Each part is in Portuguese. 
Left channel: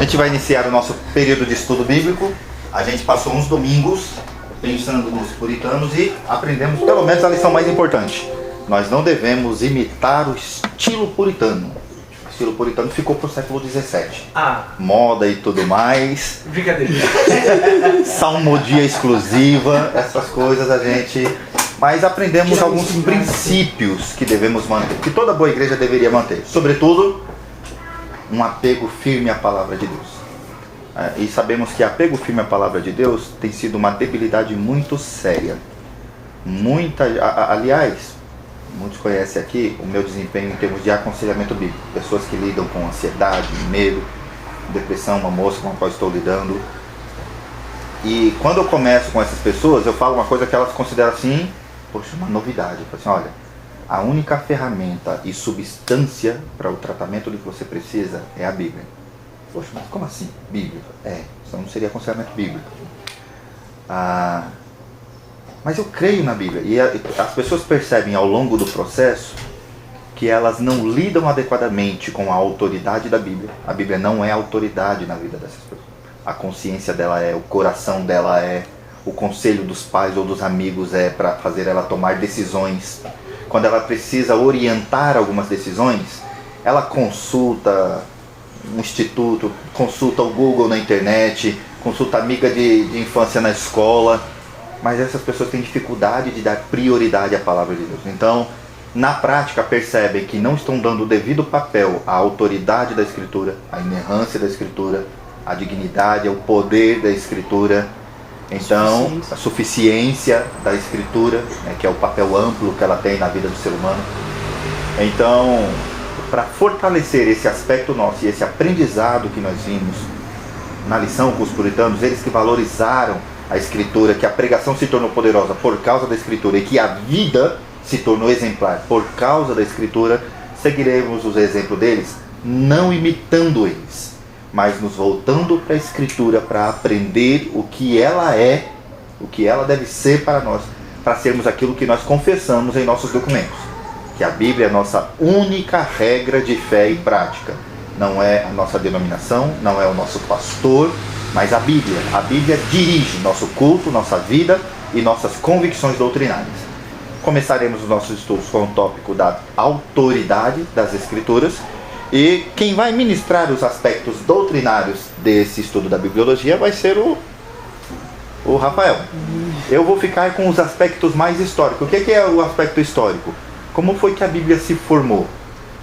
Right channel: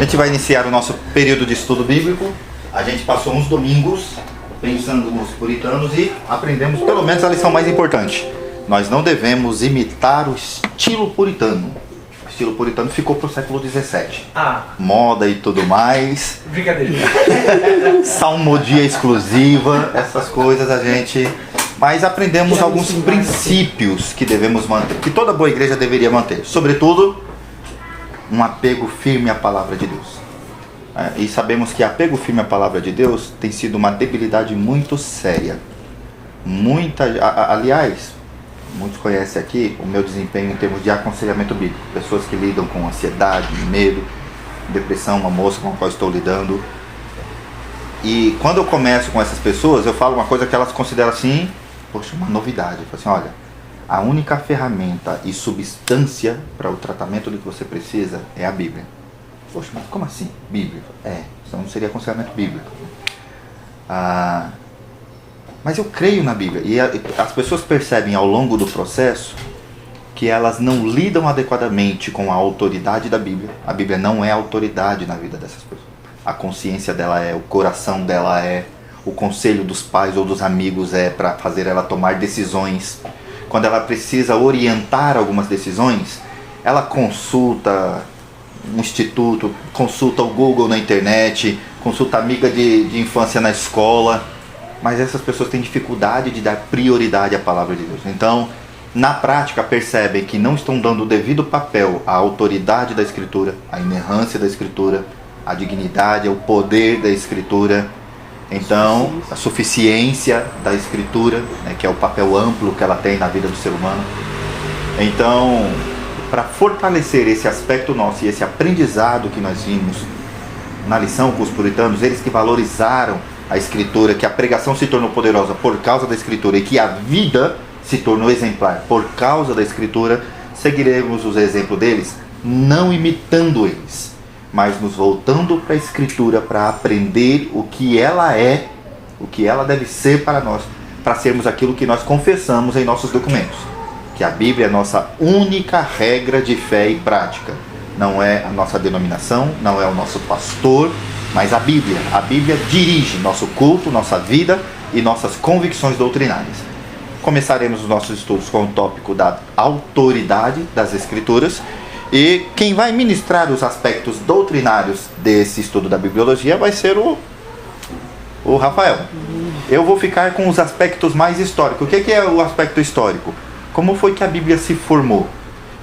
A gente vai iniciar o nosso período de estudo bíblico. A gente passou uns domingos pensando nos puritanos e aprendemos pelo menos a lição mais importante. Nós não devemos imitar o estilo puritano. O estilo puritano ficou pro século XVII. Moda e tudo mais. Brincadeira. Salmodia exclusiva, essas coisas a gente... Mas aprendemos alguns princípios que devemos manter, que toda boa igreja deveria manter. Sobretudo, um apego firme à palavra de Deus. E sabemos que apego firme à palavra de Deus tem sido uma debilidade muito séria. Aliás, muitos conhecem aqui o meu desempenho em termos de aconselhamento bíblico. Pessoas que lidam com ansiedade, medo, depressão, uma moça com a qual estou lidando. E quando eu começo com essas pessoas, eu falo uma coisa que elas consideram assim, poxa, uma novidade. Eu falo assim, olha, a única ferramenta e substância para o tratamento do que você precisa é a Bíblia. Poxa, mas como assim? Bíblia? Senão não seria aconselhamento bíblico. Mas eu creio na Bíblia. E as pessoas percebem ao longo do processo que elas não lidam adequadamente com a autoridade da Bíblia. A Bíblia não é autoridade na vida dessas pessoas. A consciência dela é, o coração dela é, o conselho dos pais ou dos amigos é para fazer ela tomar decisões. Quando ela precisa orientar algumas decisões, ela consulta um instituto, consulta o Google na internet, consulta a amiga de infância na escola, mas essas pessoas têm dificuldade de dar prioridade à palavra de Deus. Então, na prática, percebem que não estão dando o devido papel à autoridade da Escritura, à inerrância da Escritura, à dignidade, ao poder da Escritura, então, a suficiência da Escritura, né, que é o papel amplo que ela tem na vida do ser humano. Então, para fortalecer esse aspecto nosso e esse aprendizado que nós vimos na lição com os puritanos, eles que valorizaram a Escritura, que a pregação se tornou poderosa por causa da Escritura e que a vida se tornou exemplar por causa da Escritura, seguiremos os exemplos deles, não imitando eles, mas nos voltando para a Escritura para aprender o que ela é, o que ela deve ser para nós, para sermos aquilo que nós confessamos em nossos documentos. Que a Bíblia é a nossa única regra de fé e prática. Não é a nossa denominação, não é o nosso pastor, mas a Bíblia. A Bíblia dirige nosso culto, nossa vida e nossas convicções doutrinárias. Começaremos os nossos estudos com o tópico da autoridade das Escrituras. E quem vai ministrar os aspectos doutrinários desse estudo da bibliologia vai ser o Rafael. Eu vou ficar com os aspectos mais históricos. O que é o aspecto histórico? Como foi que a Bíblia se formou?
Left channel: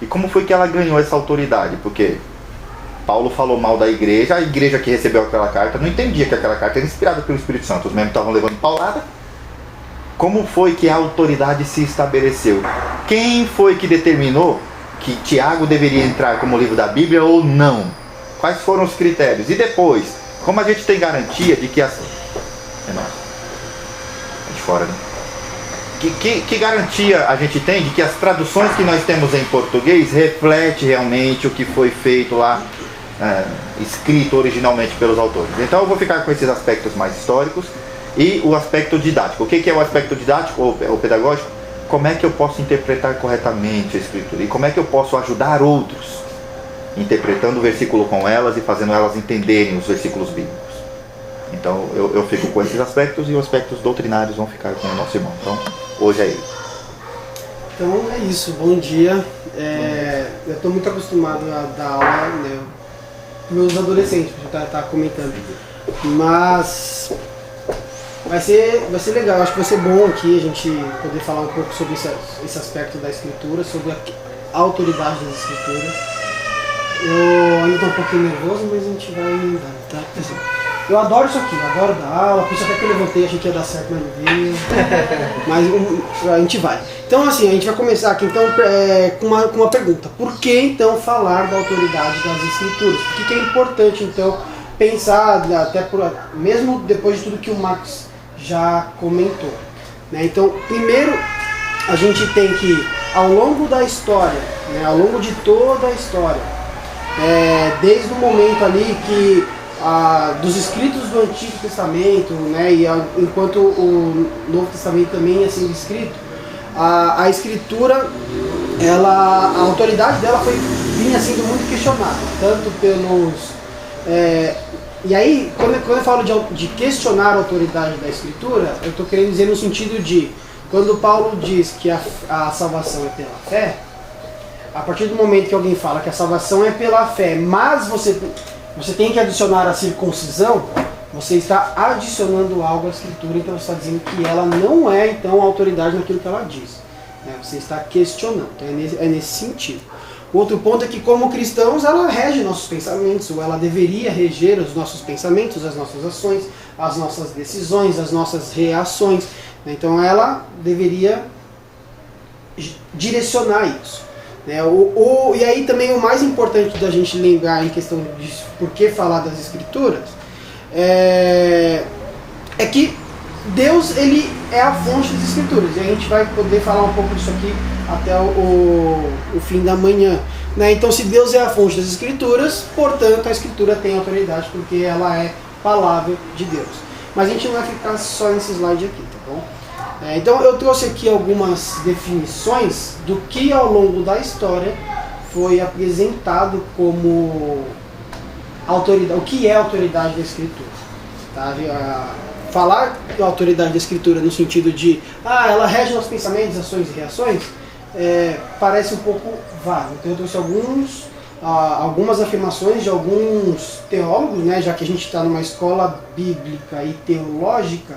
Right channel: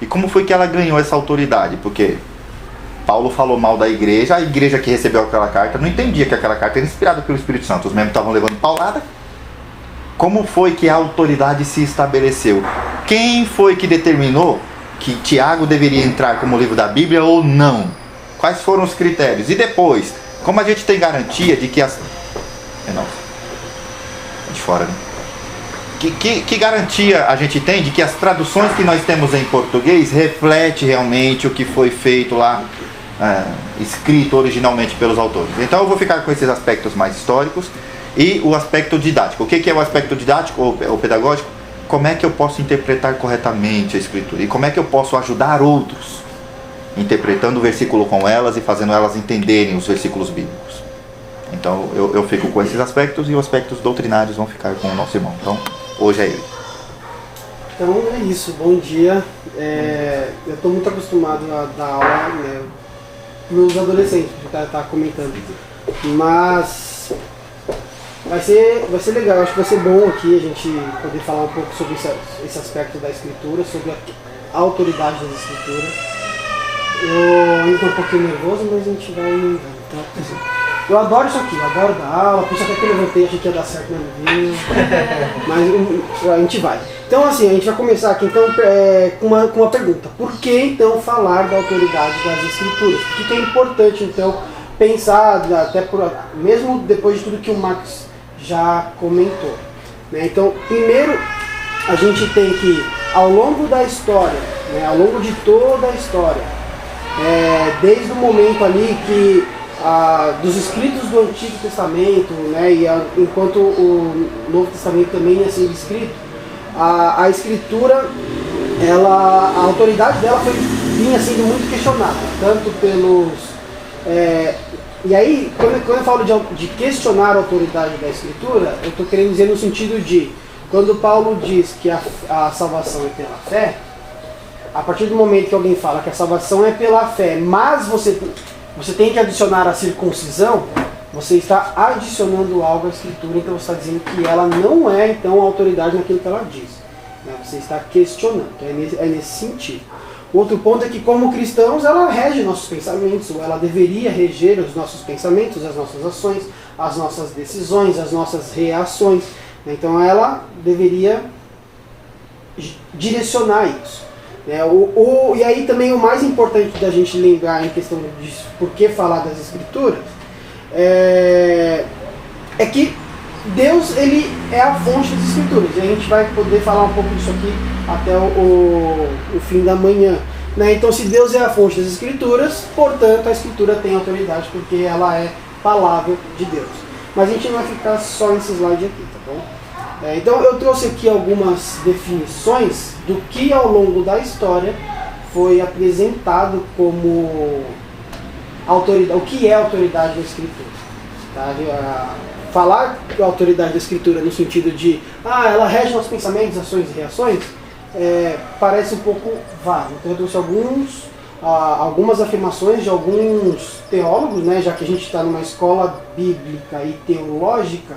E como foi que ela ganhou essa autoridade? Porque Paulo falou mal da igreja, a igreja que recebeu aquela carta não entendia que aquela carta era inspirada pelo Espírito Santo. Os membros estavam levando paulada. Como foi que a autoridade se estabeleceu? Quem foi que determinou que Tiago deveria entrar como livro da Bíblia ou não? Quais foram os critérios? E depois, como a gente tem garantia de que as... É de fora, né? Que garantia a gente tem de que as traduções que nós temos em português reflete realmente o que foi feito lá, escrito originalmente pelos autores? Então eu vou ficar com esses aspectos mais históricos e o aspecto didático. O que é o aspecto didático ou pedagógico? Como é que eu posso interpretar corretamente a Escritura? E como é que eu posso ajudar outros interpretando o versículo com elas e fazendo elas entenderem os versículos bíblicos? Então eu fico com esses aspectos e os aspectos doutrinários vão ficar com o nosso irmão. Então hoje é ele. Então é isso, bom dia. Eu estou muito acostumado a dar aula, né, para os adolescentes, que a gente está comentando. Mas vai ser legal, acho que vai ser bom aqui a gente poder falar um pouco sobre esse aspecto da Escritura, sobre a autoridade das Escrituras. Eu ainda estou um pouquinho nervoso, mas a gente vai. Tá? Eu adoro isso aqui, eu adoro dar aula, por isso até que eu levantei, achei que ia dar certo, mas não veio. Mas a gente vai. Então assim, a gente vai começar aqui então com uma pergunta. Por que então falar da autoridade das Escrituras? Por que é importante então pensar, até mesmo depois de tudo que o Max já comentou, né? Então, primeiro a gente tem que, ao longo da história, né, ao longo de toda a história, desde o momento ali que dos escritos do Antigo Testamento, né, e enquanto o Novo Testamento também ia ser escrito, a Escritura, a autoridade dela vinha sendo muito questionada, tanto pelos E aí, quando eu falo de questionar a autoridade da Escritura, eu estou querendo dizer no sentido de, quando Paulo diz que a salvação é pela fé, a partir do momento que alguém fala que a salvação é pela fé, mas você tem que adicionar a circuncisão, você está adicionando algo à Escritura, então você está dizendo que ela não é, então, autoridade naquilo que ela diz. Né? Você está questionando, então é nesse sentido. O outro ponto é que, como cristãos, ela rege nossos pensamentos, ou ela deveria reger os nossos pensamentos, as nossas ações, as nossas decisões, as nossas reações. Então ela deveria direcionar isso. E aí também o mais importante da gente lembrar em questão de por que falar das Escrituras é que Deus, ele é a fonte das Escrituras. E a gente vai poder falar um pouco disso aqui até o fim da manhã. Então, se Deus é a fonte das Escrituras, portanto, a Escritura tem autoridade, porque ela é palavra de Deus. Mas a gente não vai ficar só nesse slide aqui, tá bom? Então, eu trouxe aqui algumas definições do que ao longo da história foi apresentado como autoridade, o que é a autoridade da Escritura. Tá? Falar da autoridade da Escritura no sentido de ela rege nossos pensamentos, ações e reações, parece um pouco vago. Então eu trouxe algumas afirmações de alguns teólogos, né, já que a gente está numa escola bíblica e teológica,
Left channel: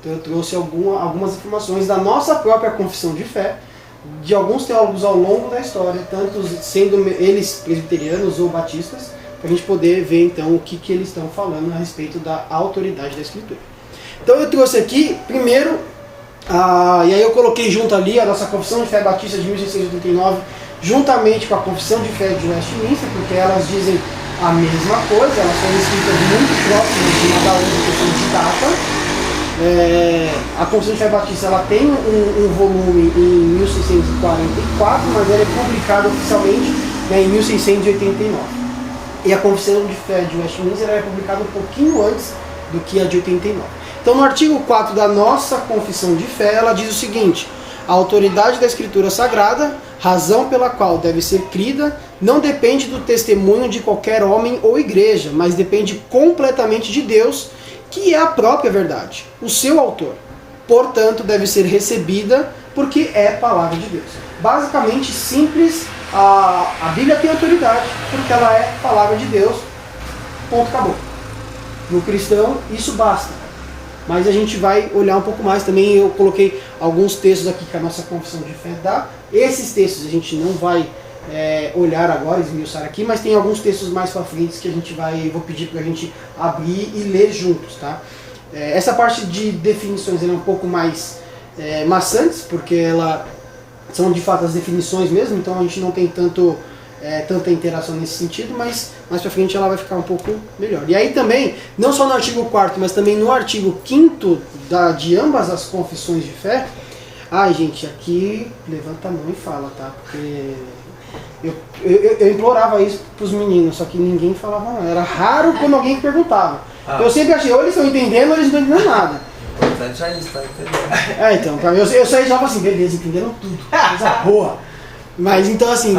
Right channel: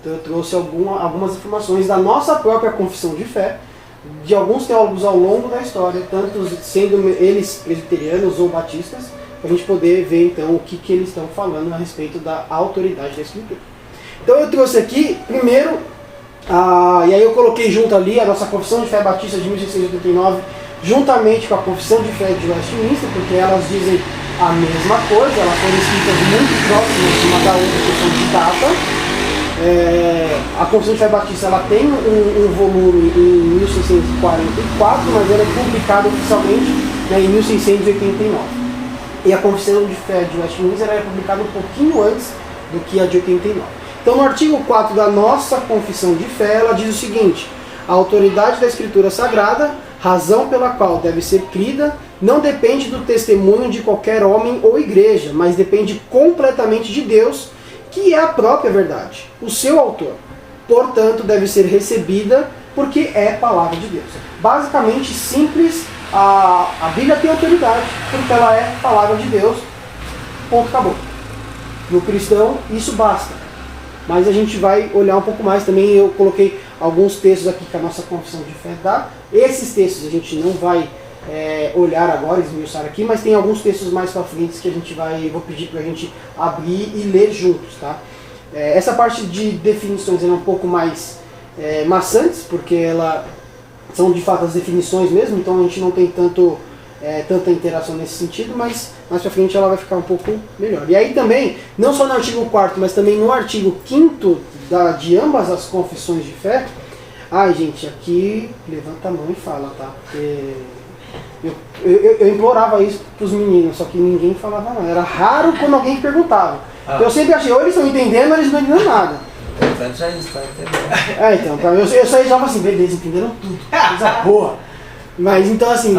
então eu trouxe algumas afirmações da nossa própria confissão de fé, de alguns teólogos ao longo da história, tanto sendo eles presbiterianos ou batistas, para a gente poder ver então o que eles estão falando a respeito da autoridade da Escritura. Então eu trouxe aqui, primeiro, e aí eu coloquei junto ali a nossa Confissão de Fé Batista de 1689, juntamente com a Confissão de Fé de Westminster, porque elas dizem a mesma coisa, elas foram escritas muito próximas uma da outra, questão de data. A Confissão de Fé Batista ela tem um volume em 1644, mas ela é publicada oficialmente em 1689. E a Confissão de Fé de Westminster ela é publicada um pouquinho antes do que a de 89. Então, no artigo 4 da nossa Confissão de Fé, ela diz o seguinte: a autoridade da Escritura Sagrada, razão pela qual deve ser crida, não depende do testemunho de qualquer homem ou igreja, mas depende completamente de Deus, que é a própria verdade, o seu autor. Portanto, deve ser recebida porque é palavra de Deus. Basicamente, simples, a Bíblia tem autoridade porque ela é palavra de Deus. Ponto, acabou. No cristão, isso basta. Mas a gente vai olhar um pouco mais também. Eu coloquei alguns textos aqui que a nossa confissão de fé dá. Esses textos a gente não vai olhar agora, esmiuçar aqui, mas tem alguns textos mais para frente que vou pedir para a gente abrir e ler juntos, tá? Essa parte de definições é um pouco mais maçantes, porque são de fato as definições mesmo, então a gente não tem tanta interação nesse sentido, mas mais para frente ela vai ficar um pouco melhor. E aí também, não só no artigo 4º, mas também no artigo 5º de ambas as confissões de fé. Gente, aqui levanta a mão e fala, tá? Porque eu implorava isso pros meninos, só que ninguém falava não. Era raro quando alguém perguntava. Eu sempre achei, ou eles estão entendendo ou eles não entendem nada. Já está entendendo. Então, eu saí e falava assim, beleza, entenderam tudo, coisa boa. Mas então assim,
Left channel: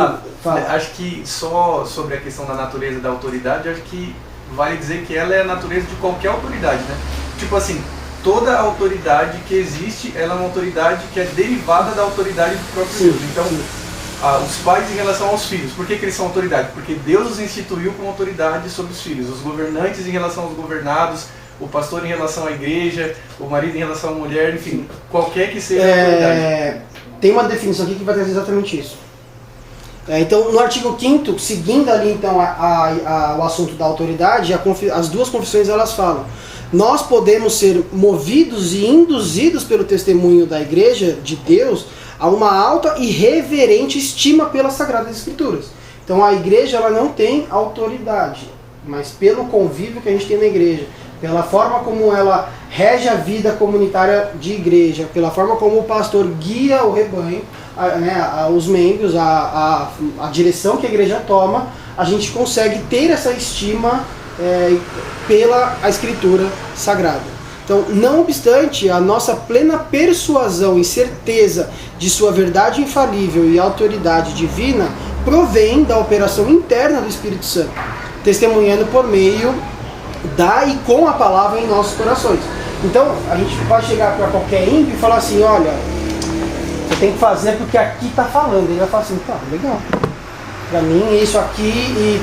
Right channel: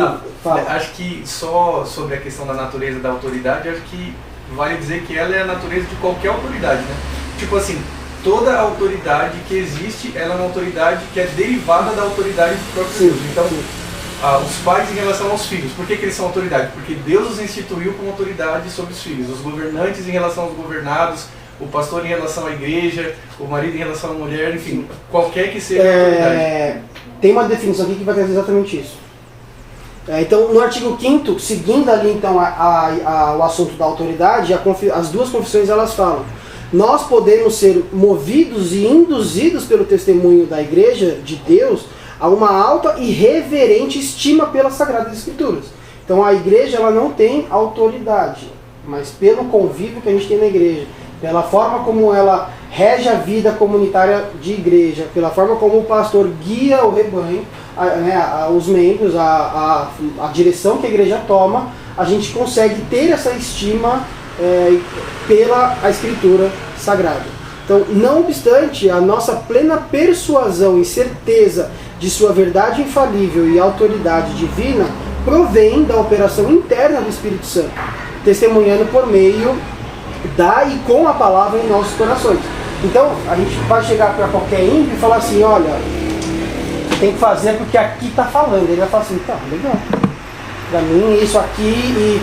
acho que só sobre a questão da natureza da autoridade, acho que vale dizer que ela é a natureza de qualquer autoridade, né? Tipo assim, toda autoridade que existe, ela é uma autoridade que é derivada da autoridade do próprio Deus. Então, os pais em relação aos filhos, por que eles são autoridade? Porque Deus os instituiu como autoridade sobre os filhos. Os governantes em relação aos governados, o pastor em relação à igreja, o marido em relação à mulher, enfim, qualquer que seja a autoridade. Tem uma definição aqui que vai trazer exatamente isso. Então, no artigo 5º, seguindo ali então o assunto da autoridade, as duas confissões elas falam: nós podemos ser movidos e induzidos pelo testemunho da igreja de Deus a uma alta e reverente estima pelas Sagradas Escrituras. Então a igreja ela não tem autoridade, mas pelo convívio que a gente tem na igreja, pela forma como ela rege a vida comunitária de igreja, pela forma como o pastor guia o rebanho, os membros, a direção que a igreja toma, a gente consegue ter essa estima pela Escritura Sagrada. Então, não obstante a nossa plena persuasão e certeza de sua verdade infalível e autoridade divina, provém da operação interna do Espírito Santo. testemunhando por meio da e com a palavra em nossos corações. Então, a gente vai chegar para qualquer ímpio e falar assim, olha, você tem que fazer porque aqui está falando. Ele vai falar assim, tá, legal. Para mim, isso aqui e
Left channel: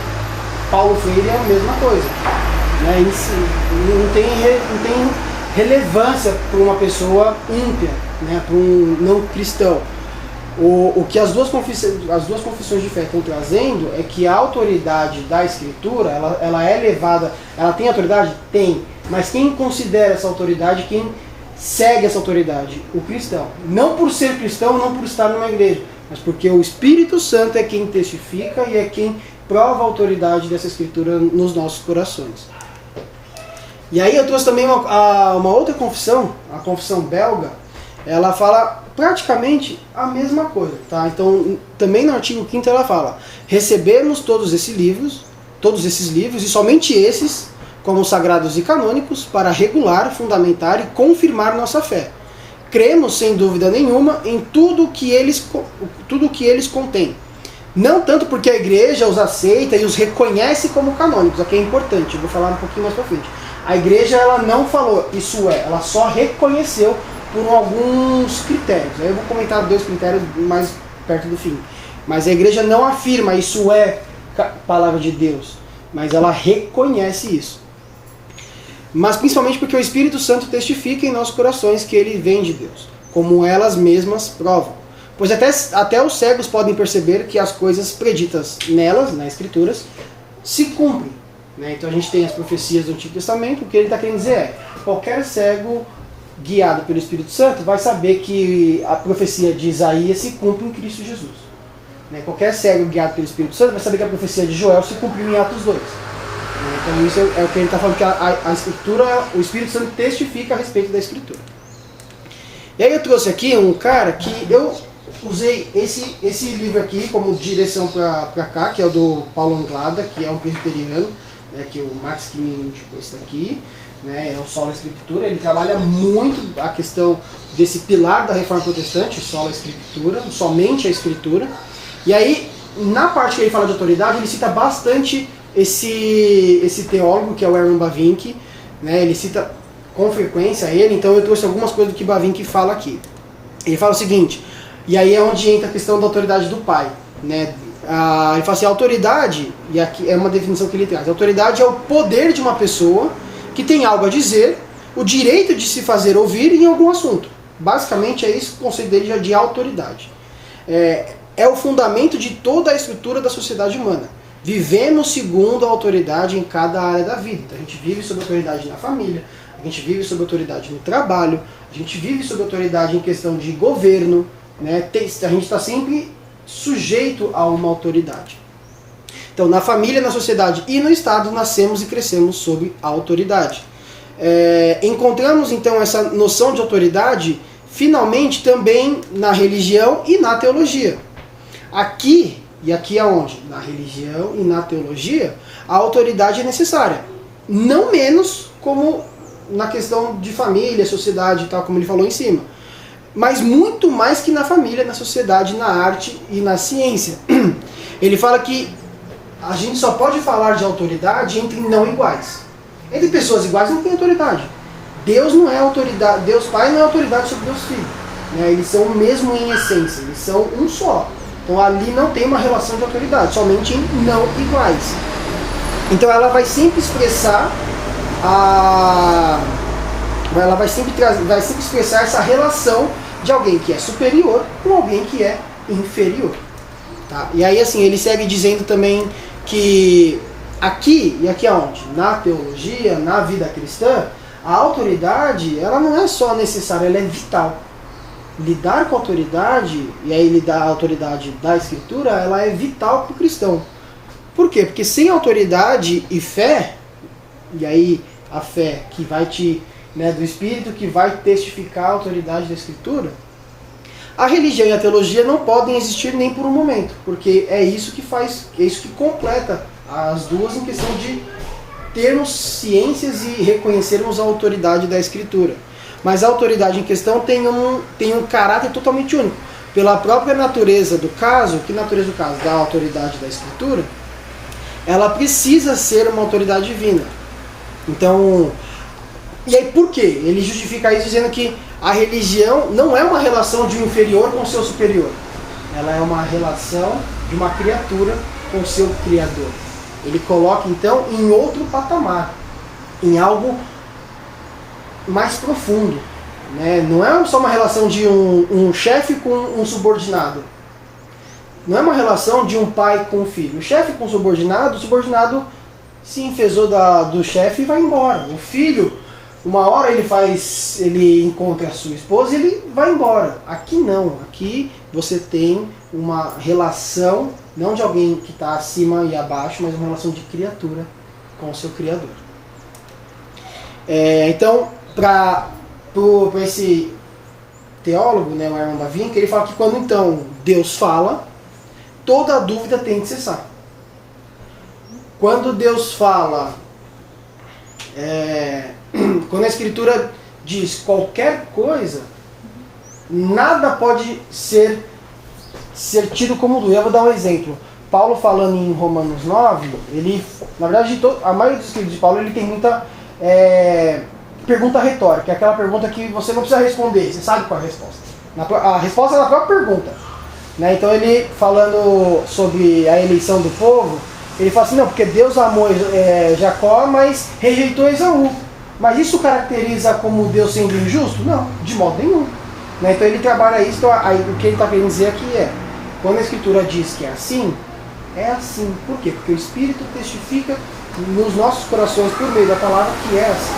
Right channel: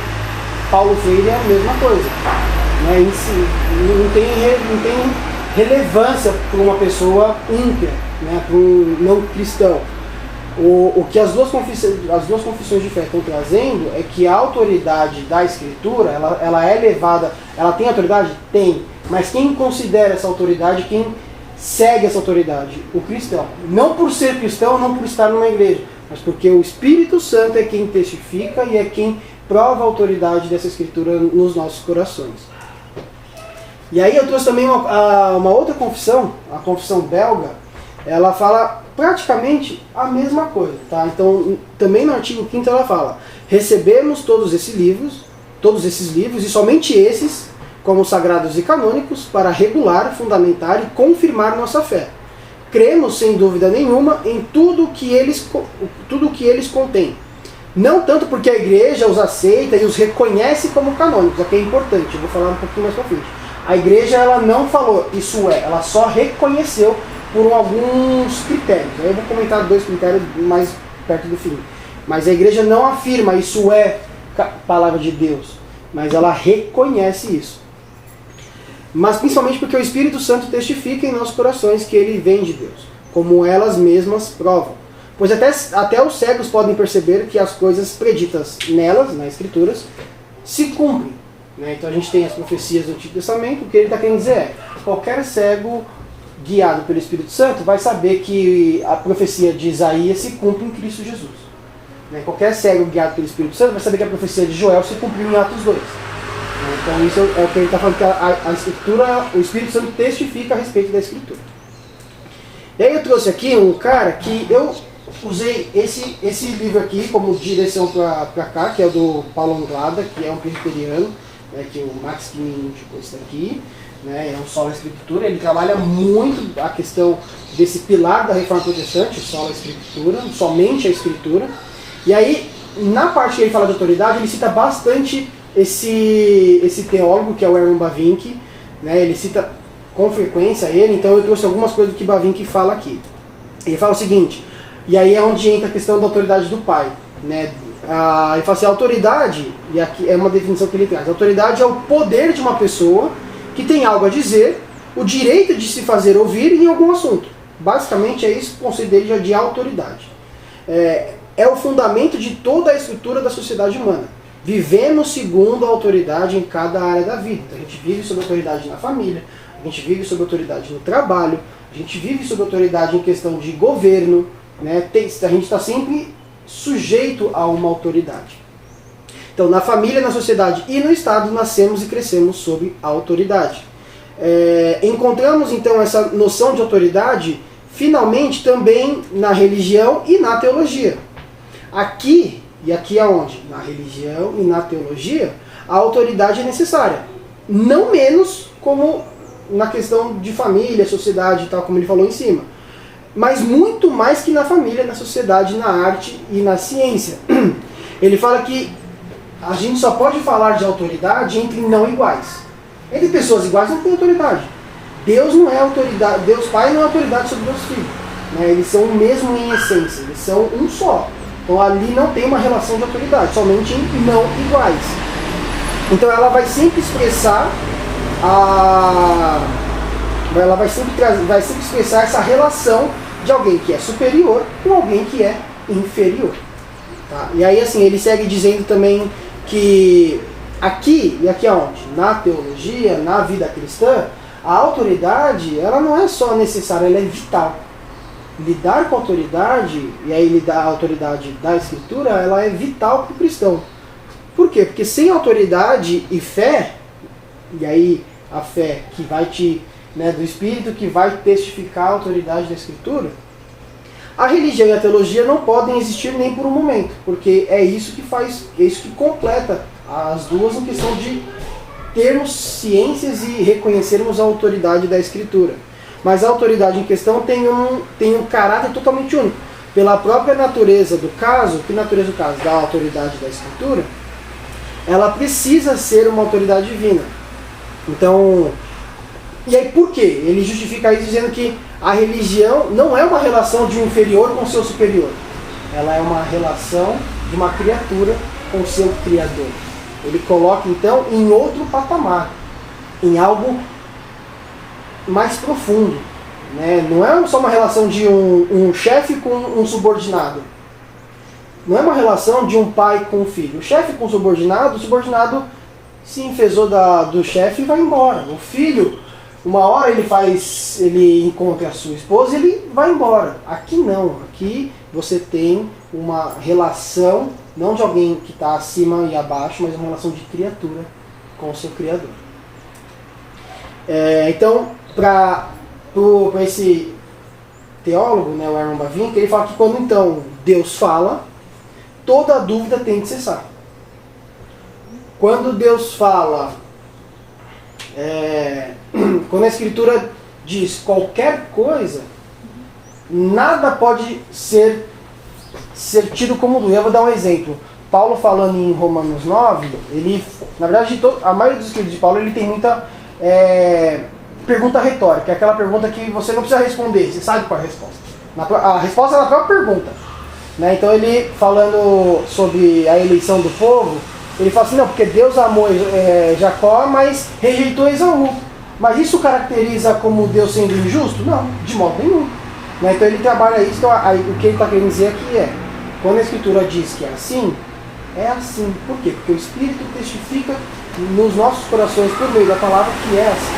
Paulo Freire é a mesma coisa. Né? Não tem relevância para uma pessoa ímpia, né? Para um não cristão. O que as duas confissões de fé estão trazendo é que a autoridade da Escritura, ela é levada, ela tem autoridade? Tem. Mas quem considera essa autoridade, quem segue essa autoridade? O cristão. Não por ser cristão, não por estar numa igreja, mas porque o Espírito Santo é quem testifica e é quem prova a autoridade dessa Escritura nos nossos corações. E aí eu trouxe também uma outra confissão, a confissão belga. Ela fala praticamente a mesma coisa, tá? Então, também no artigo 5º ela fala: recebemos todos esses livros, e somente esses, como sagrados e canônicos, para regular, fundamentar e confirmar nossa fé. Cremos, sem dúvida nenhuma, em tudo que eles contêm. Não tanto porque a igreja os aceita e os reconhece como canônicos, aqui é importante, eu vou falar um pouquinho mais pra frente. A igreja, ela não falou isso ela só reconheceu por alguns critérios. Eu vou comentar 2 critérios mais perto do fim. Mas a igreja não afirma isso é palavra de Deus, mas ela reconhece isso. Mas principalmente porque o Espírito Santo testifica em nossos corações que ele vem de Deus, como elas mesmas provam. Pois até os cegos podem perceber que as coisas preditas nelas, nas Escrituras, se cumprem. Né? Então a gente tem as profecias do Antigo Testamento. O que ele está querendo dizer é: qualquer cego guiado pelo Espírito Santo vai saber que a profecia de Isaías se cumpre em Cristo Jesus. Né? Qualquer cego guiado pelo Espírito Santo vai saber que a profecia de Joel se cumpriu em Atos 2. Então isso é o que ele está falando, que a Escritura, o Espírito Santo testifica a respeito da Escritura. E aí eu trouxe aqui um cara que eu usei esse livro aqui como direção para cá, que é o do Paulo Anglada, que é um presbiteriano, né, que o Max me indicou esse daqui. Né, é o Sola Escritura. Ele trabalha muito a questão desse pilar da Reforma Protestante, Sola Escritura, somente a Escritura. E aí, na parte que ele fala de autoridade, ele cita bastante esse teólogo, que é o Herman Bavinck, né, ele cita com frequência ele. Então eu trouxe algumas coisas do que Bavinck fala aqui. Ele fala o seguinte, e aí é onde entra a questão da autoridade do Pai. Né? Ele fala assim, a autoridade, e aqui é uma definição que ele traz, a autoridade é o poder de uma pessoa que tem algo a dizer, o direito de se fazer ouvir em algum assunto. Basicamente é isso o conceito dele de autoridade. É o fundamento de toda a estrutura da sociedade humana. Vivemos segundo a autoridade em cada área da vida. Então, a gente vive sob autoridade na família, a gente vive sob autoridade no trabalho, a gente vive sob autoridade em questão de governo, né? A gente está sempre sujeito a uma autoridade. Então, na família, na sociedade e no Estado, nascemos e crescemos sob a autoridade. Encontramos, então, essa noção de autoridade, finalmente, também na religião e na teologia. Aqui, e aqui é onde? Na religião e na teologia, a autoridade é necessária. Não menos como na questão de família, sociedade e tal, como ele falou em cima. Mas muito mais que na família, na sociedade, na arte e na ciência. Ele fala que a gente só pode falar de autoridade entre não iguais. Entre pessoas iguais não tem autoridade. Deus não é autoridade, Deus Pai não é autoridade sobre Deus Filho. Né? Eles são o mesmo em essência, eles são um só. Então ali não tem uma relação de autoridade, somente em não iguais. Então ela vai sempre expressar expressar essa relação de alguém que é superior com alguém que é inferior. Tá? E aí assim, ele segue dizendo também que aqui, e aqui aonde? Na teologia, na vida cristã, a autoridade, ela não é só necessária, ela é vital. Lidar com a autoridade, e aí lidar a autoridade da Escritura, ela é vital para o cristão. Por quê? Porque sem autoridade e fé, e aí a fé que vai do Espírito, que vai testificar a autoridade da Escritura, a religião e a teologia não podem existir nem por um momento, porque é isso que completa as duas em questão de termos ciências e reconhecermos a autoridade da Escritura. Mas a autoridade em questão tem um caráter totalmente único. Pela própria natureza do caso, que natureza do caso? Da autoridade da Escritura, ela precisa ser uma autoridade divina. Então, e aí por quê? Ele justifica isso dizendo que a religião não é uma relação de um inferior com o seu superior. Ela é uma relação de uma criatura com o seu Criador. Ele coloca então em outro patamar, em algo mais profundo. Né? Não é só uma relação de um chefe com um subordinado. Não é uma relação de um pai com um filho. O chefe com o subordinado se enfesou do chefe e vai embora. O filho, uma hora ele encontra a sua esposa e ele vai embora. Aqui não. Aqui você tem uma relação, não de alguém que está acima e abaixo, mas uma relação de criatura com o seu Criador. Então, para esse teólogo, né, o Herman Bavinck, ele fala que quando então Deus fala, toda dúvida tem que cessar. Quando Deus fala, quando a Escritura diz qualquer coisa, nada pode ser tido como dúvida. Eu vou dar um exemplo. Paulo falando em Romanos 9, ele, na verdade, a maioria dos escritos de Paulo, ele tem muita pergunta retórica, é aquela pergunta que você não precisa responder, você sabe qual é a resposta. A resposta é na própria pergunta. Né? Então ele, falando sobre a eleição do povo, ele fala assim, não, porque Deus amou Jacó, mas rejeitou Esaú. Mas isso caracteriza como Deus sendo injusto? Não, de modo nenhum. Né? Então ele trabalha isso, então, o que ele está querendo dizer aqui quando a Escritura diz que é assim. Por quê? Porque o Espírito testifica nos nossos corações por meio da palavra que é assim.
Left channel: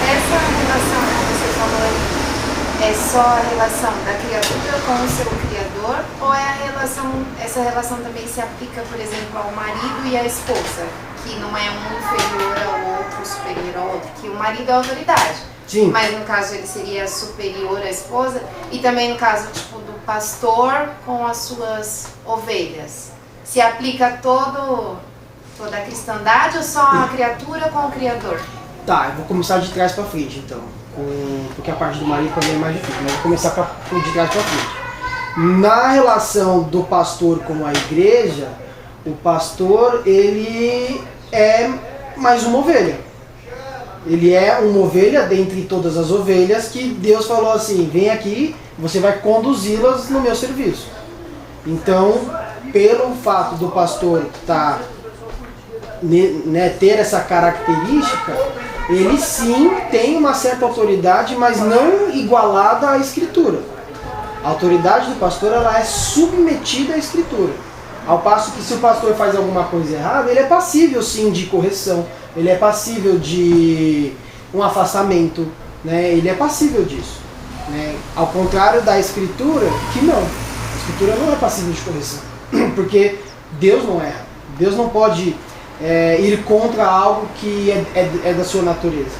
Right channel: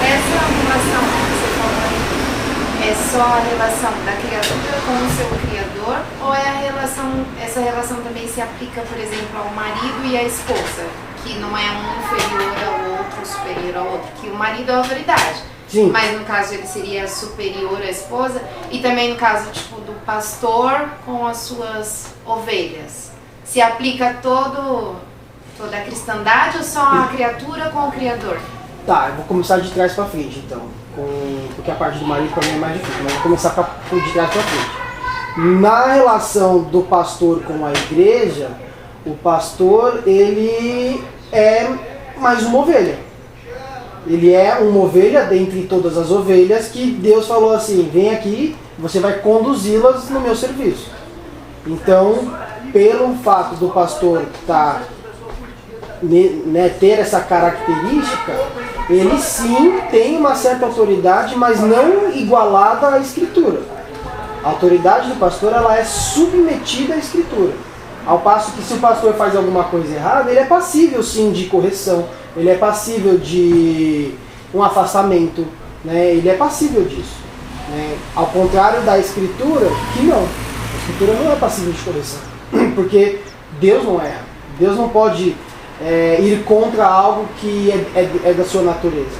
Essa relação que você falou é só a relação da criatura com o seu Criador, ou essa relação também se aplica, por exemplo, ao marido e à esposa, que não é um inferior ao outro, superior ao outro, que o marido é a autoridade. Sim. Mas no caso ele seria superior à esposa, e também no caso do pastor com as suas ovelhas. Se aplica toda a cristandade ou só a criatura com o Criador? Tá, eu vou começar de trás para frente, então. Porque a parte do marido também é mais difícil, mas vou começar de trás para frente. Na relação do pastor com a igreja, o pastor, ele é mais uma ovelha. Ele é uma ovelha dentre todas as ovelhas que Deus falou assim, vem aqui, você vai conduzi-las no meu serviço. Então, pelo fato do pastor ter essa característica, ele sim tem uma certa autoridade, mas não igualada à Escritura. A autoridade do pastor, ela é submetida à Escritura. Ao passo que se o pastor faz alguma coisa errada, ele é passível sim de correção, ele é passível de um afastamento, né? Ele é passível disso. Né? Ao contrário da Escritura, que não. A Escritura não é passível de correção, porque Deus não erra. Deus não pode ir contra algo que é da sua natureza.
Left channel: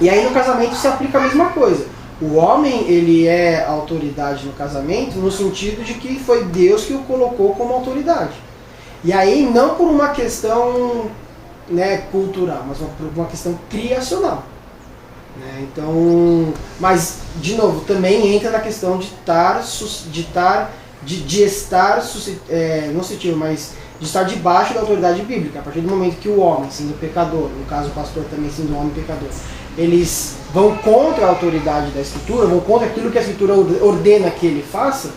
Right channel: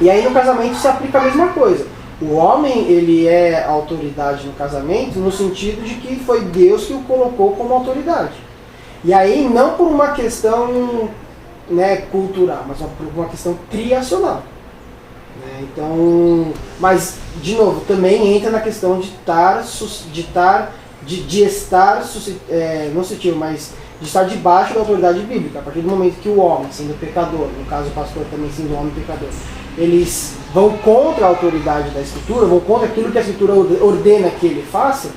E aí no casamento se aplica a mesma coisa. O homem, ele é autoridade no casamento no sentido de que foi Deus que o colocou como autoridade. E aí não por uma questão cultural, mas por uma questão criacional. Né? Então, mas, de novo, também entra na questão de estar debaixo da autoridade bíblica. A partir do momento que o homem, sendo pecador, no caso o pastor também sendo um homem pecador, eles vão contra a autoridade da Escritura, vão contra aquilo que a Escritura ordena que ele faça,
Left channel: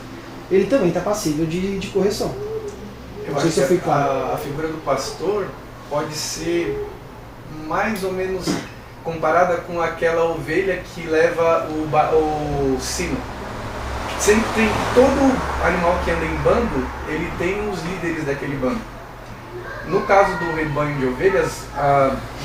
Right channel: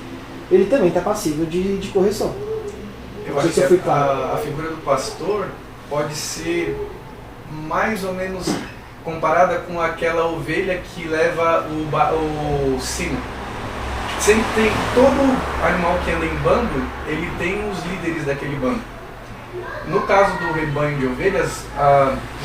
ele também está passível de correção. Eu acho que a figura do pastor pode ser mais ou menos comparada com aquela ovelha que leva o sino. Sempre tem, todo animal que anda em bando, ele tem os líderes daquele bando. No caso do rebanho de ovelhas,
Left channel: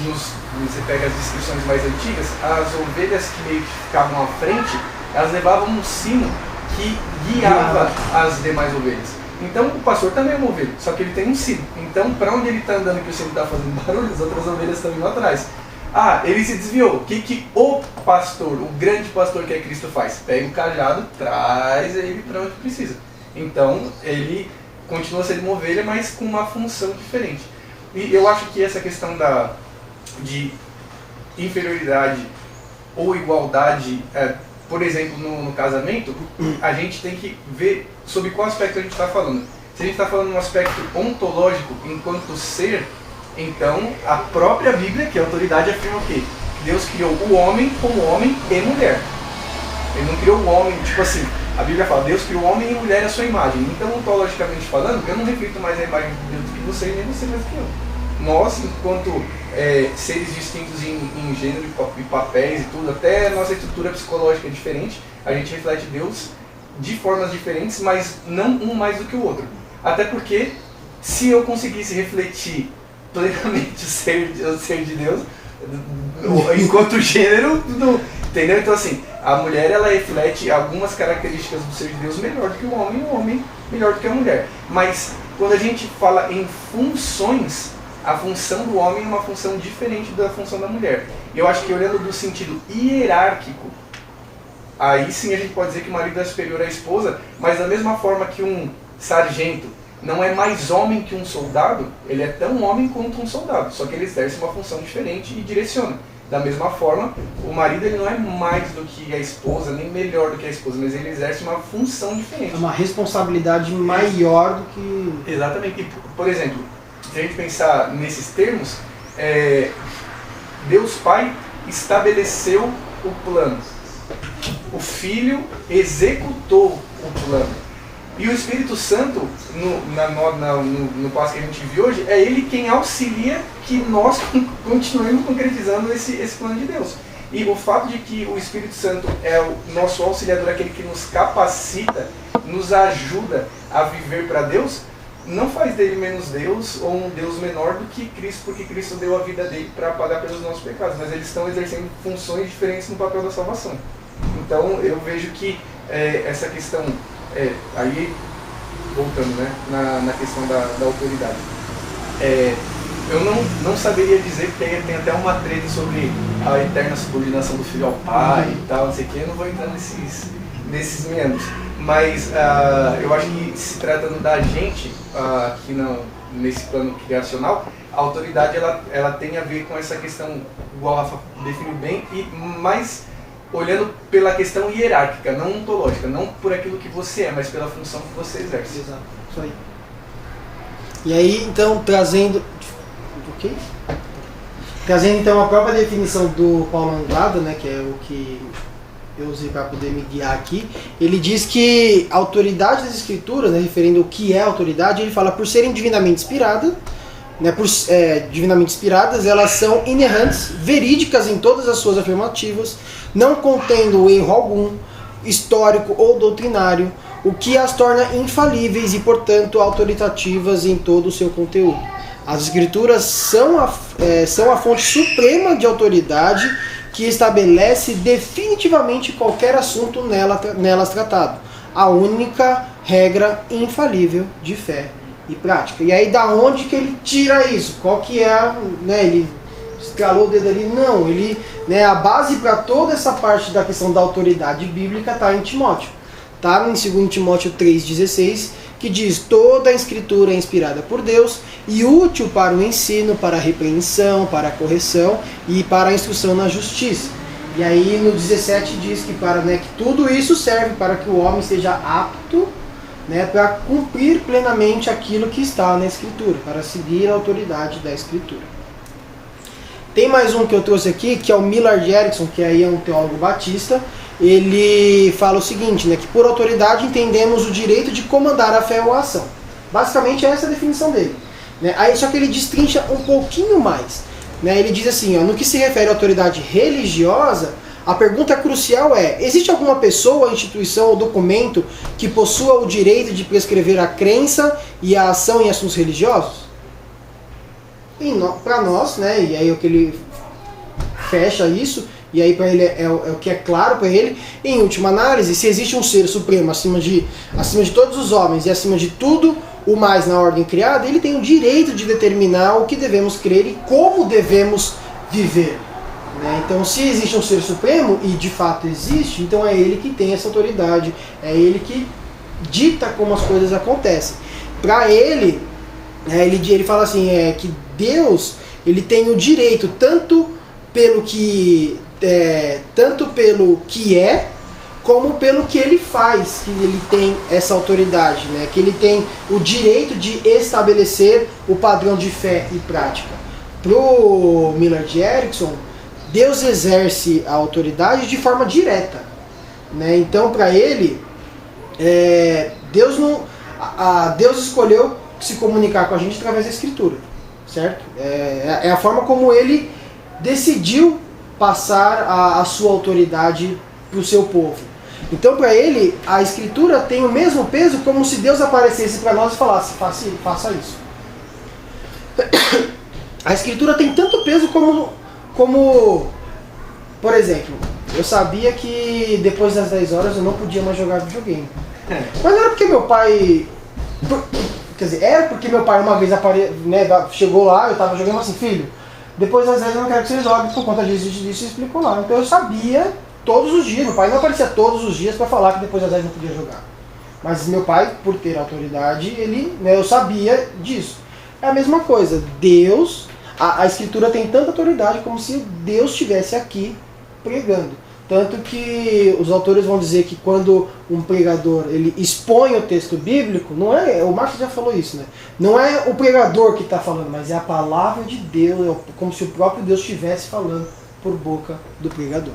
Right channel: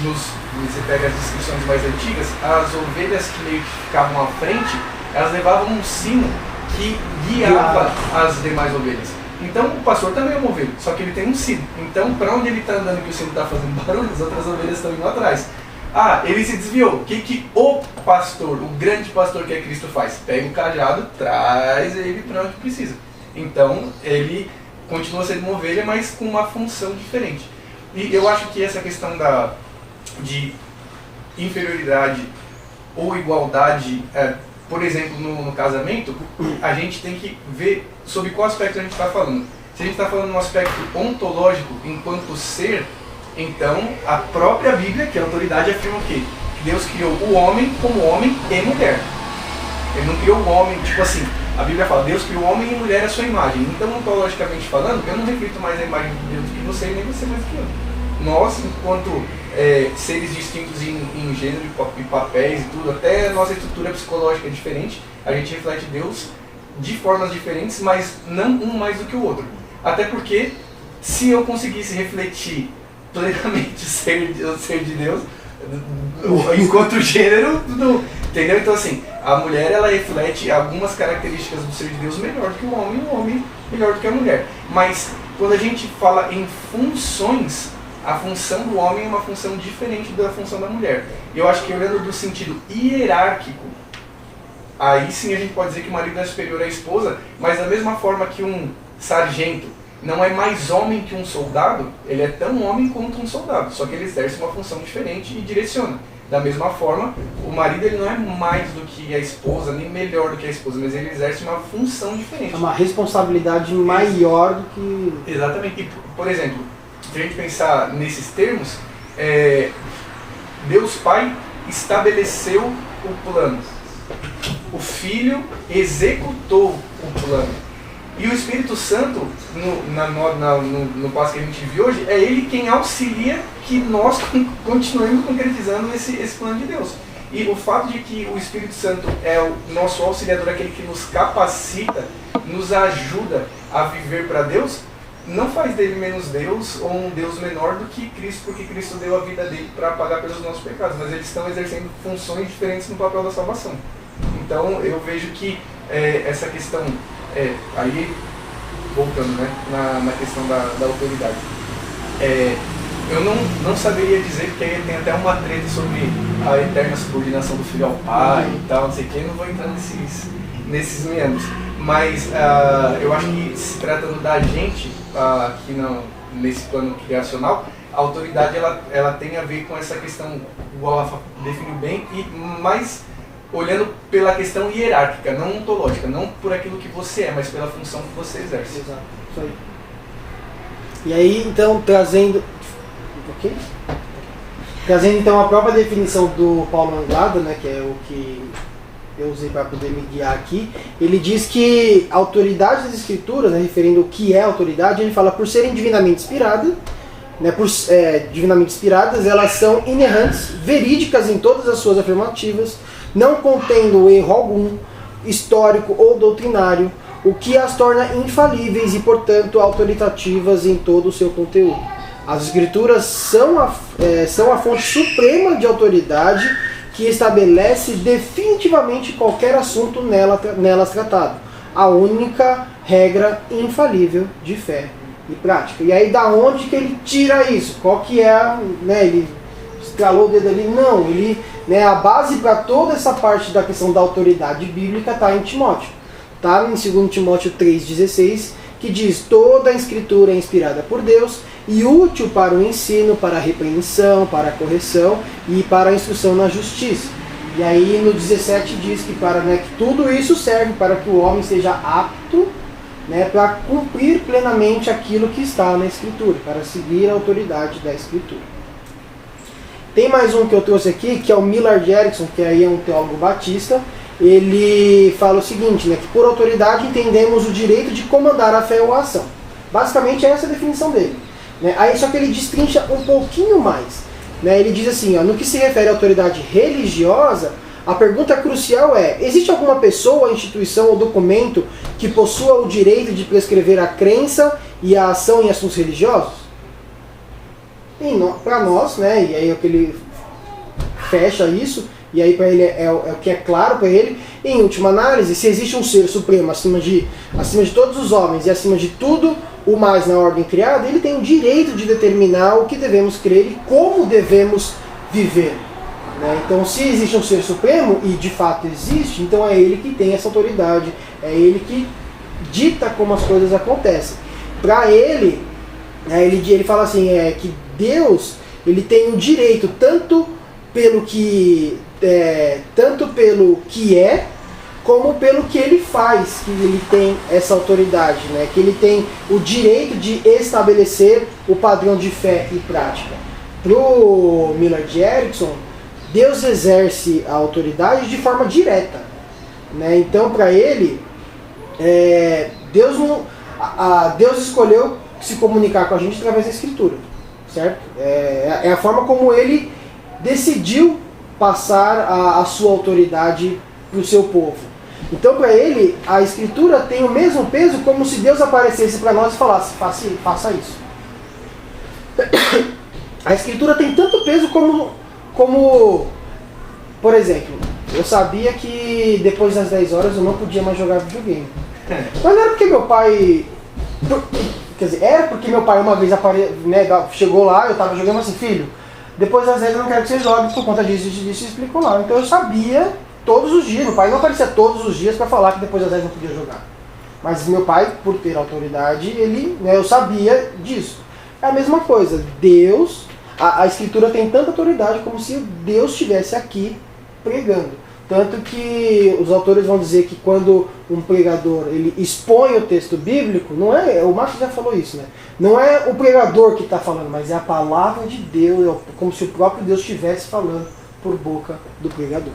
você pega as descrições mais antigas, as ovelhas que meio que ficavam à frente, elas levavam um sino que guiava as demais ovelhas. Então o pastor também é uma ovelha, só que ele tem um sino. Então para onde ele está andando que o sino está fazendo barulho, as outras ovelhas estão indo atrás. Ele se desviou. O que o pastor, o grande pastor que é Cristo faz? Pega o cajado, traz ele para onde precisa. Então ele continua sendo uma ovelha, mas com uma função diferente. E eu acho que essa questão de inferioridade ou igualdade, por exemplo, no casamento, a gente tem que ver sobre qual aspecto a gente está falando. Se a gente está falando no aspecto ontológico enquanto ser, então a própria Bíblia, que é a autoridade, afirma o quê? Que Deus criou o homem como homem e mulher. Ele não criou o homem, tipo assim, a Bíblia fala, Deus criou o homem e mulher à sua imagem. Então, ontologicamente falando, eu não reflito mais a imagem de Deus do que você e nem você mais do que eu. Nós, enquanto seres distintos em gênero e papéis e tudo, até a nossa estrutura psicológica é diferente, a gente reflete Deus de formas diferentes, mas não um mais do que o outro. Até porque, se eu conseguisse refletir plenamente o ser de Deus, enquanto gênero, entendeu? Então assim, a mulher ela reflete algumas características do ser de Deus melhor do que o homem melhor do que a mulher. Mas quando a gente fala em funções, a função do homem é uma função diferente da função da mulher. E eu acho que olhando do sentido hierárquico, aí sim a gente pode dizer que o marido é superior à esposa, mas da mesma forma que um sargento não é mais homem que um soldado, ele é tão homem quanto um soldado, só que ele exerce uma função diferente e direciona. Da mesma forma, o marido ele não é mais do que a esposa, nem melhor do que a esposa, mas ele exerce uma função diferente. É uma responsabilidade maior do que... Exatamente. E, por exemplo, se a gente pensar nesses termos, Deus Pai estabeleceu o plano. O Filho executou o plano. E o Espírito Santo, no passo que a gente viu hoje, é Ele quem auxilia que nós continuemos concretizando esse plano de Deus. E o fato de que o Espírito Santo é o nosso auxiliador, aquele que nos capacita, nos ajuda a viver para Deus, não faz dele menos Deus ou um Deus menor do que Cristo, porque Cristo deu a vida dele para pagar pelos nossos pecados, mas eles estão exercendo funções diferentes no papel da salvação. Então eu vejo que essa questão, aí voltando, né, na questão da autoridade, eu não saberia dizer, porque aí tem até uma treta sobre a eterna subordinação do filho ao pai e tal, não sei o que, eu não vou entrar nesses meandros. Mas eu acho que se tratando da gente, aqui nesse plano criacional, a autoridade ela tem a ver com essa questão, igual a Rafa definiu bem, e mais olhando pela questão hierárquica, não ontológica, não por aquilo que você é, mas pela função que você exerce. Exato, isso aí. E aí, então, trazendo então a própria definição do Paulo Anglada, né, que é o que eu usei para poder me guiar aqui, ele diz que a autoridade das Escrituras, né, referindo o que é autoridade, ele fala por serem divinamente inspiradas, né, divinamente inspiradas, elas são inerrantes, verídicas em todas as suas afirmativas, não contendo erro algum, histórico ou doutrinário, o que as torna infalíveis e, portanto, autoritativas em todo o seu conteúdo. As Escrituras são a fonte suprema de autoridade que estabelece definitivamente qualquer assunto nelas tratado. A única regra infalível de fé e prática. E aí, da onde que ele tira isso? Qual que é, né, ele escalou o dedo ali? Não, ele, né, a base para toda essa parte da questão da autoridade bíblica está em Timóteo. Está em 2 Timóteo 3,16, que diz: toda a Escritura é inspirada por Deus e útil para o ensino, para a repreensão, para a correção e para a instrução na justiça. E aí no 17 diz que, que tudo isso serve para que o homem seja apto, né, para cumprir plenamente aquilo que está na Escritura, para seguir a autoridade da Escritura. Tem mais um que eu trouxe aqui, que é o Millard Erickson, que aí é um teólogo batista. Ele fala o seguinte, né, que por autoridade entendemos o direito de comandar a fé ou a ação. Basicamente essa é a definição dele. Né? Aí, só que ele destrincha um pouquinho mais. Né? Ele diz assim, no que se refere à autoridade religiosa, a pergunta crucial é: existe alguma pessoa, instituição ou documento que possua o direito de prescrever a crença e a ação em assuntos religiosos? Para nós, né, e aí é o que ele fecha isso, e aí para ele é o que é claro para ele, em última análise, se existe um ser supremo acima de todos os homens e acima de tudo o mais na ordem criada, ele tem o direito de determinar o que devemos crer e como devemos viver. Né? Então, se existe um ser supremo, e de fato existe, então é ele que tem essa autoridade, é ele que dita como as coisas acontecem. Para ele, ele fala assim, que Deus, ele tem o direito tanto pelo que é, como pelo que ele faz, que ele tem essa autoridade, né? Que ele tem o direito de estabelecer o padrão de fé e prática. Pro Millard Erickson, Deus exerce a autoridade de forma direta, né? Então, para ele, Deus escolheu se comunicar com a gente através da Escritura, certo? É a forma como ele decidiu passar a sua autoridade para o seu povo. Então, para ele, a Escritura tem o mesmo peso como se Deus aparecesse para nós e falasse: faça isso. A Escritura tem tanto peso como, por exemplo, eu sabia que depois das 10 horas eu não podia mais jogar videogame. Mas não era porque meu pai... Quer dizer, era porque meu pai uma vez chegou lá, eu estava jogando assim: filho, depois das 10 eu não quero que você jogue por conta disso e explicou lá. Então eu sabia todos os dias, meu pai não aparecia todos os dias para falar que depois das 10 não podia jogar. Mas meu pai, por ter autoridade, eu sabia disso. É a mesma coisa, Deus, a Escritura tem tanta autoridade como se Deus estivesse aqui pregando. Tanto que os autores vão dizer que quando um pregador ele expõe o texto bíblico, não é, o Marcos já falou isso, né? Não é o pregador que está falando, mas é a palavra de Deus, como se o próprio Deus estivesse falando por boca do pregador.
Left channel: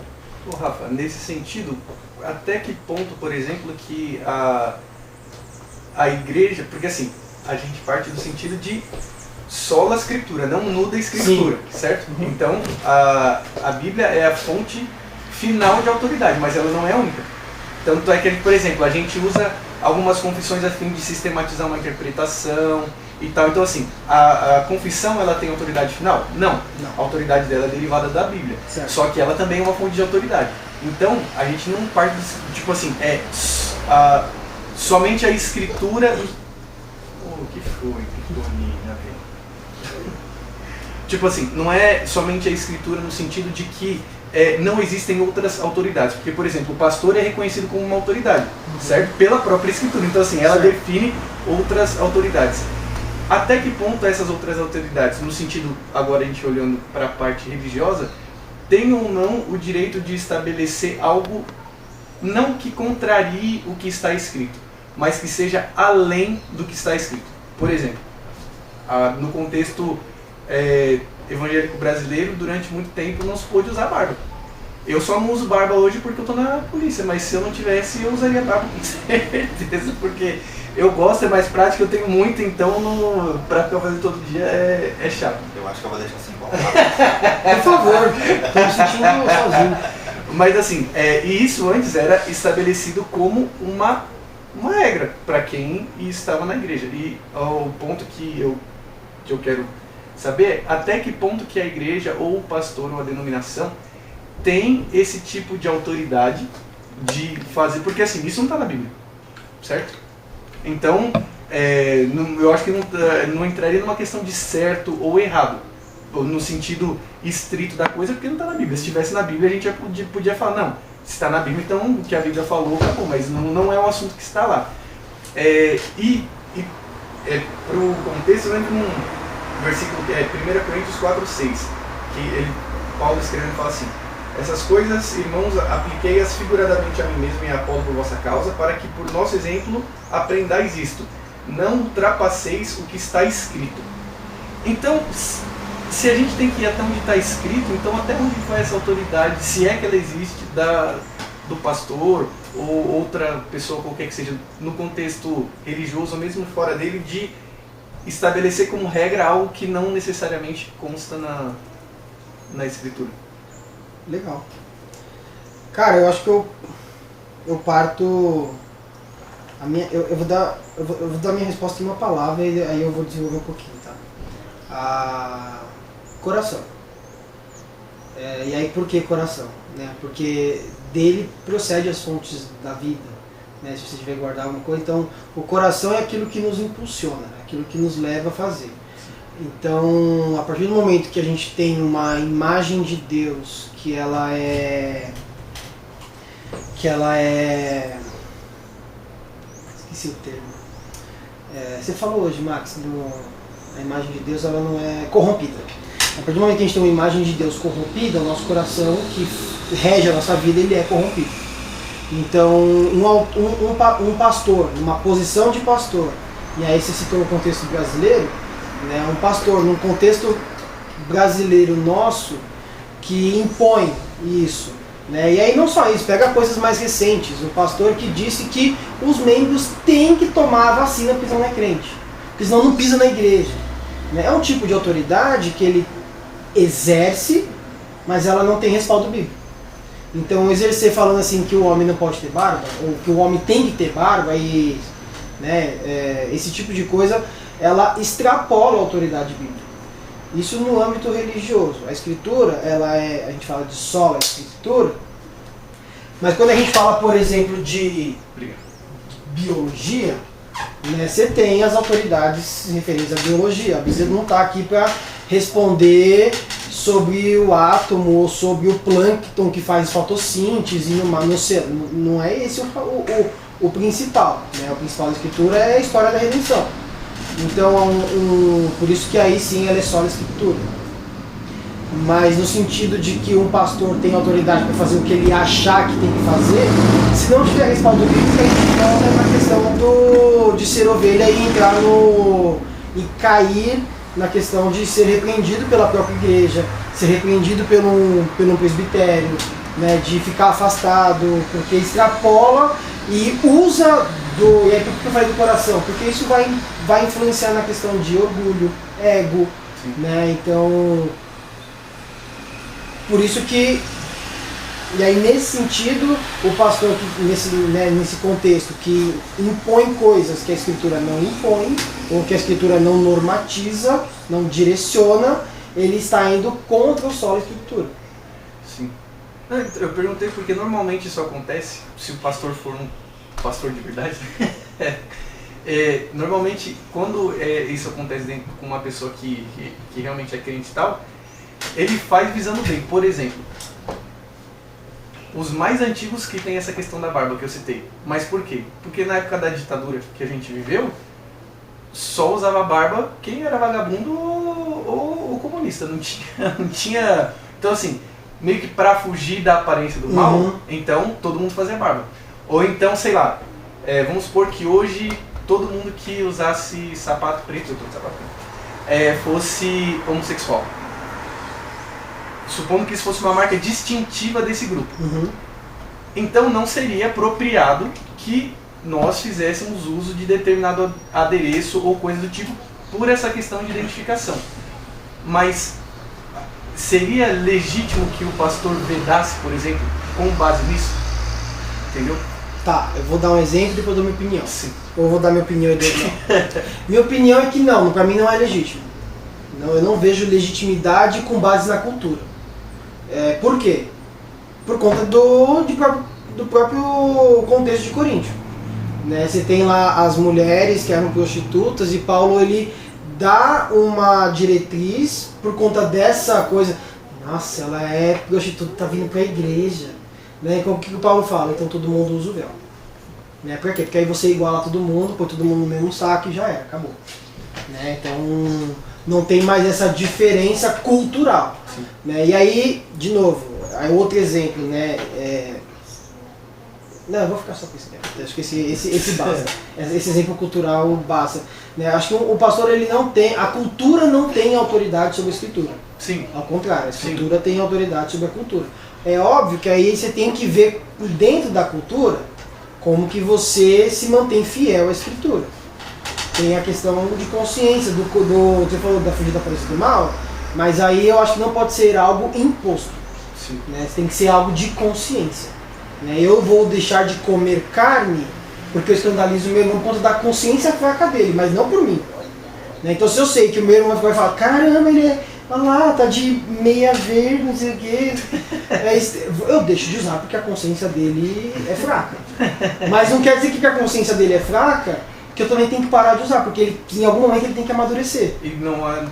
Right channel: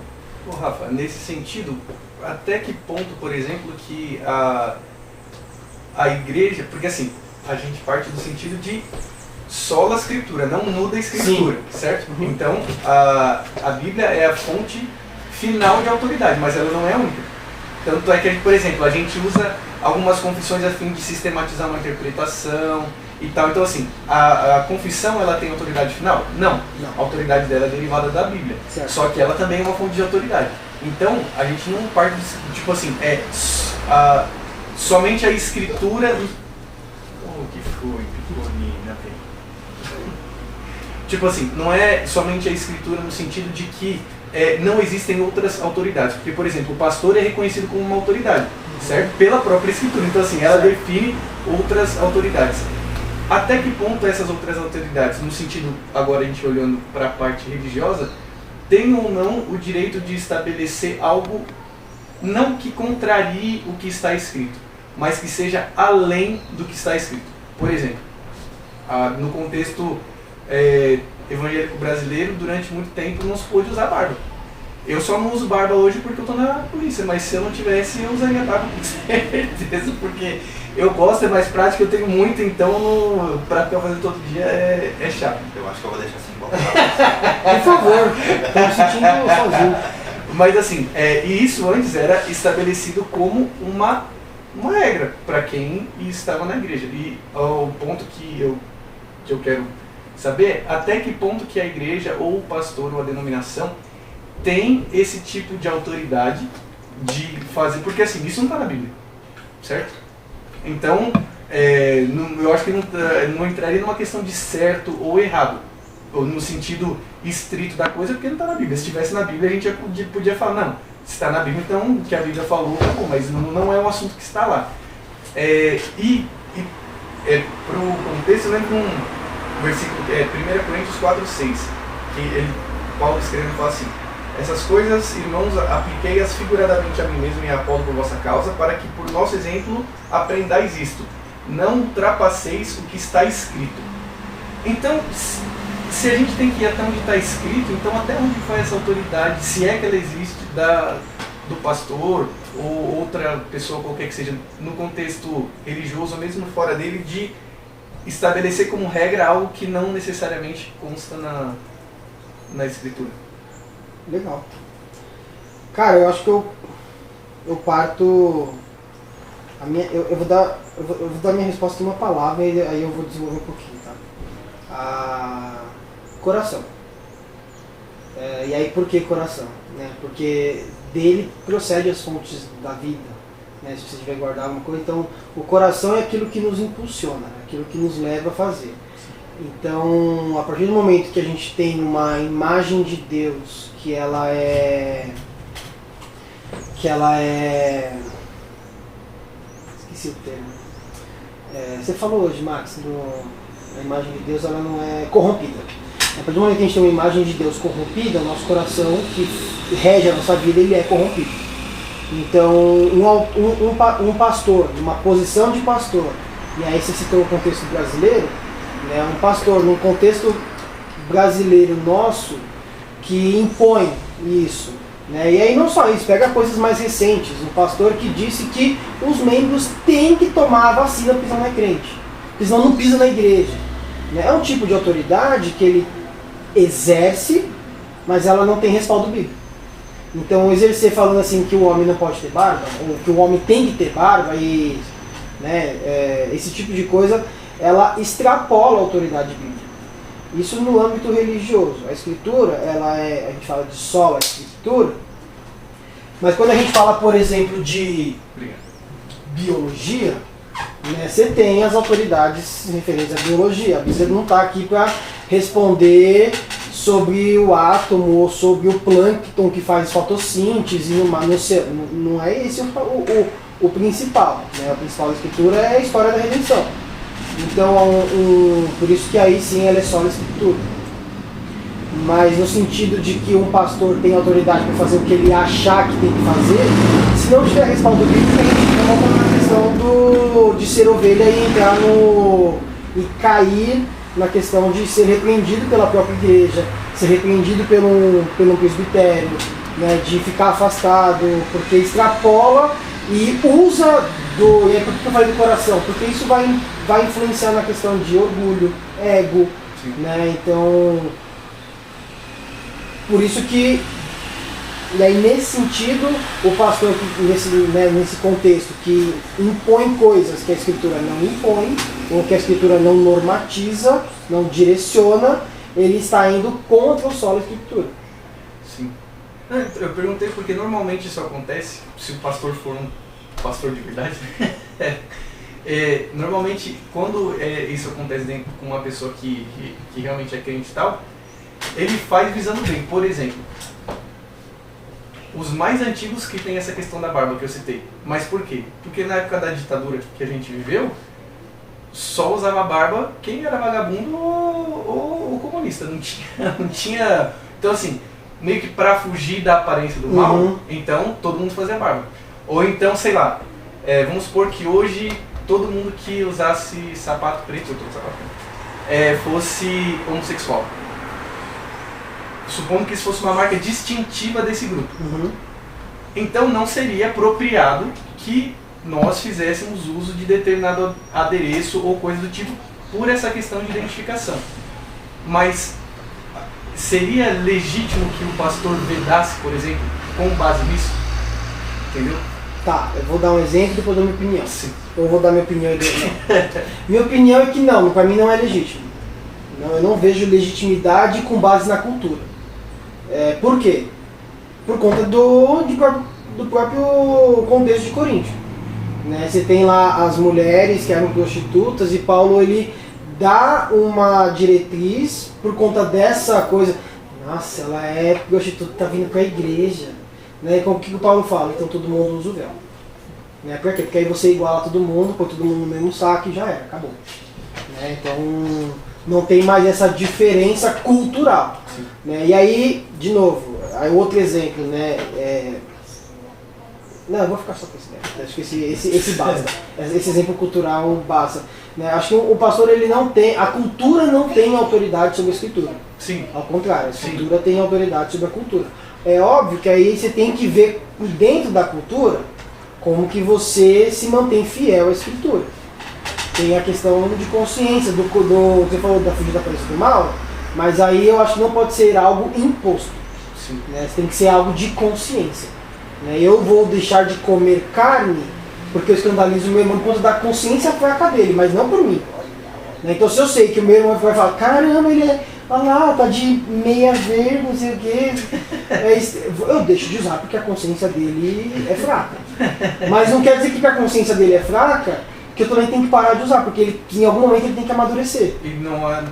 Ô, Rafa, nesse sentido, até que ponto, por exemplo, que a igreja, porque assim, a gente parte do sentido de sola escritura, não muda a escritura, sim, certo? Uhum. Então, a Bíblia é a fonte final de autoridade, mas ela não é única. Tanto é que, por exemplo, a gente usa algumas confissões a fim de sistematizar uma interpretação e tal. Então, assim, a confissão, ela tem autoridade final? Não. A autoridade dela é derivada da Bíblia. Certo. Só que ela também é uma fonte de autoridade. Então, a gente não parte, tipo assim, somente a escritura... que foi, menina, tipo assim, não é somente a escritura no sentido de que não existem outras autoridades. Porque, por exemplo, o pastor é reconhecido como uma autoridade, certo? Pela própria escritura. Então, assim, ela define outras autoridades. Até que ponto essas outras autoridades, no sentido, agora a gente olhando para a parte religiosa, têm ou não o direito de estabelecer algo não que contrarie o que está escrito, mas que seja além do que está escrito. Por exemplo, no contexto evangélico brasileiro, durante muito tempo não se pôde usar barba. Eu só não uso barba hoje porque eu estou na polícia, mas se eu não tivesse, eu usaria barba com certeza, porque eu gosto, é mais prático, eu tenho muito, então para ficar fazendo todo dia é chato. Eu acho que eu vou deixar assim igual. Por favor, estou me sentindo sozinho. Mas assim, e isso antes era estabelecido como uma regra para quem estava na igreja. E o ponto que eu quero saber é até que ponto que a igreja, ou o pastor, ou a denominação, tem esse tipo de autoridade de fazer, porque assim, isso não está na Bíblia, certo? Então, eu acho que não entraria numa questão de certo ou errado, ou no sentido estrito da coisa, porque não está na Bíblia. Se estivesse na Bíblia, a gente podia falar, não, se está na Bíblia, então o que a Bíblia falou, tá bom, mas não é um assunto que está lá. Para o contexto, eu lembro um versículo, 1 Coríntios 4:6, que Paulo escrevendo fala assim: essas coisas, irmãos, apliquei-as figuradamente a mim mesmo e a Apolo por vossa causa, para que por nosso exemplo aprendais isto, não ultrapasseis o que está escrito. Então, se a gente tem que ir até onde está escrito, então até onde vai essa autoridade, se é que ela existe, do pastor ou outra pessoa qualquer que seja, no contexto religioso ou mesmo fora dele, de estabelecer como regra algo que não necessariamente consta na escritura. Legal. Cara, eu acho que eu parto... Eu vou dar a minha resposta em uma palavra e aí eu vou desenvolver um pouquinho, tá? Coração. E aí por que coração? Né? Porque dele procede as fontes da vida. Né? Se você tiver guardar alguma coisa, então o coração é aquilo que nos impulsiona, aquilo que nos leva a fazer. Então, a partir do momento que a gente tem uma imagem de Deus, que ela é... Esqueci o termo. Você falou hoje, Max, a imagem de Deus ela não é corrompida. A partir do momento que a gente tem uma imagem de Deus corrompida, o nosso coração, que rege a nossa vida, ele é corrompido. Então, um pastor, numa posição de pastor, né, aí você citou o contexto brasileiro, né, um pastor num contexto brasileiro nosso que impõe isso, né, e aí não só isso, pega coisas mais recentes, um pastor que disse que os membros têm que tomar a vacina porque senão não é crente, porque senão não pisa na igreja, né, é um tipo de autoridade que ele exerce, mas ela não tem respaldo bíblico. Então, exercer falando assim que o homem não pode ter barba, ou que o homem tem que ter barba, e, né, esse tipo de coisa, ela extrapola a autoridade bíblica. Isso no âmbito religioso. A escritura, a gente fala de sola escritura, mas quando a gente fala, por exemplo, de biologia, né, você tem as autoridades referentes à biologia. A Bíblia não está aqui para responder sobre o átomo ou sobre o plâncton que faz fotossíntese no céu. Não é esse o principal, né? O principal da escritura é a história da redenção. Então, por isso que aí sim ela é só a escritura. Mas no sentido de que um pastor tem autoridade para fazer o que ele achar que tem que fazer, se não tiver respaldo bíblico, a gente volta na questão de ser ovelha e entrar e cair na questão de ser repreendido pela própria igreja, ser repreendido pelo presbitério, né, de ficar afastado, porque extrapola e usa e aí por que eu falei do coração? Porque isso vai influenciar na questão de orgulho, ego, né, então, por isso que, e aí nesse sentido, o pastor, nesse contexto, que impõe coisas que a escritura não impõe, ou que a escritura não normatiza, não direciona, ele está indo contra o solo da escritura. Sim. Eu perguntei porque normalmente isso acontece, se o pastor for um pastor de verdade, normalmente quando isso acontece com uma pessoa que realmente é crente e tal, ele faz visando bem. Por exemplo, os mais antigos que tem essa questão da barba que eu citei. Mas por quê? Porque na época da ditadura que a gente viveu, só usava barba quem era vagabundo ou comunista. Não tinha... Então assim, meio que pra fugir da aparência do mal, então todo mundo fazia barba. Ou então, sei lá, vamos supor que hoje todo mundo que usasse sapato preto, fosse homossexual. Supondo que isso fosse uma marca distintiva desse grupo. Então não seria apropriado que nós fizéssemos uso de determinado adereço ou coisa do tipo por essa questão de identificação. Mas seria legítimo que o pastor vedasse, por exemplo, com base nisso? Entendeu? Tá, eu vou dar um exemplo e depois dou minha opinião. Sim. Ou vou dar minha opinião e depois não. Minha opinião é que não, para mim não é legítimo. Não, eu não vejo legitimidade com base na cultura. Por quê? Por conta do próprio contexto de Coríntio. Né? Você tem lá as mulheres que eram prostitutas e Paulo ele dá uma diretriz por conta dessa coisa. Nossa, ela é prostituta, tá vindo para a igreja. Né? E o que o Paulo fala? Então todo mundo usa o véu. Né? Por quê? Porque aí você iguala todo mundo, põe todo mundo no mesmo saco e já era, acabou. Né? Então não tem mais essa diferença cultural. Né? E aí, de novo, aí outro exemplo, né? Não, eu vou ficar só com esse exemplo. Acho que esse basta. Esse exemplo cultural basta. Né? Acho que o pastor, ele não tem, a cultura não tem autoridade sobre a escritura. Sim. Ao contrário, a escritura tem autoridade sobre a cultura. É óbvio que aí você tem que ver por dentro da cultura como que você se mantém fiel à escritura. Tem a questão de consciência, você falou da fugida da aparência do mal, mas aí eu acho que não pode ser algo imposto. Sim. Né? Tem que ser algo de consciência. Né? Eu vou deixar de comer carne porque eu escandalizo o meu irmão por conta da consciência fraca dele, mas não por mim. Né? Então se eu sei que o meu irmão vai falar, caramba, ele olha lá, tá de meia verde, não sei o quê, eu deixo de usar porque a consciência dele é fraca. Mas não quer dizer que a consciência dele é fraca, que eu também tenho que parar de usar, porque em algum momento ele tem que amadurecer. E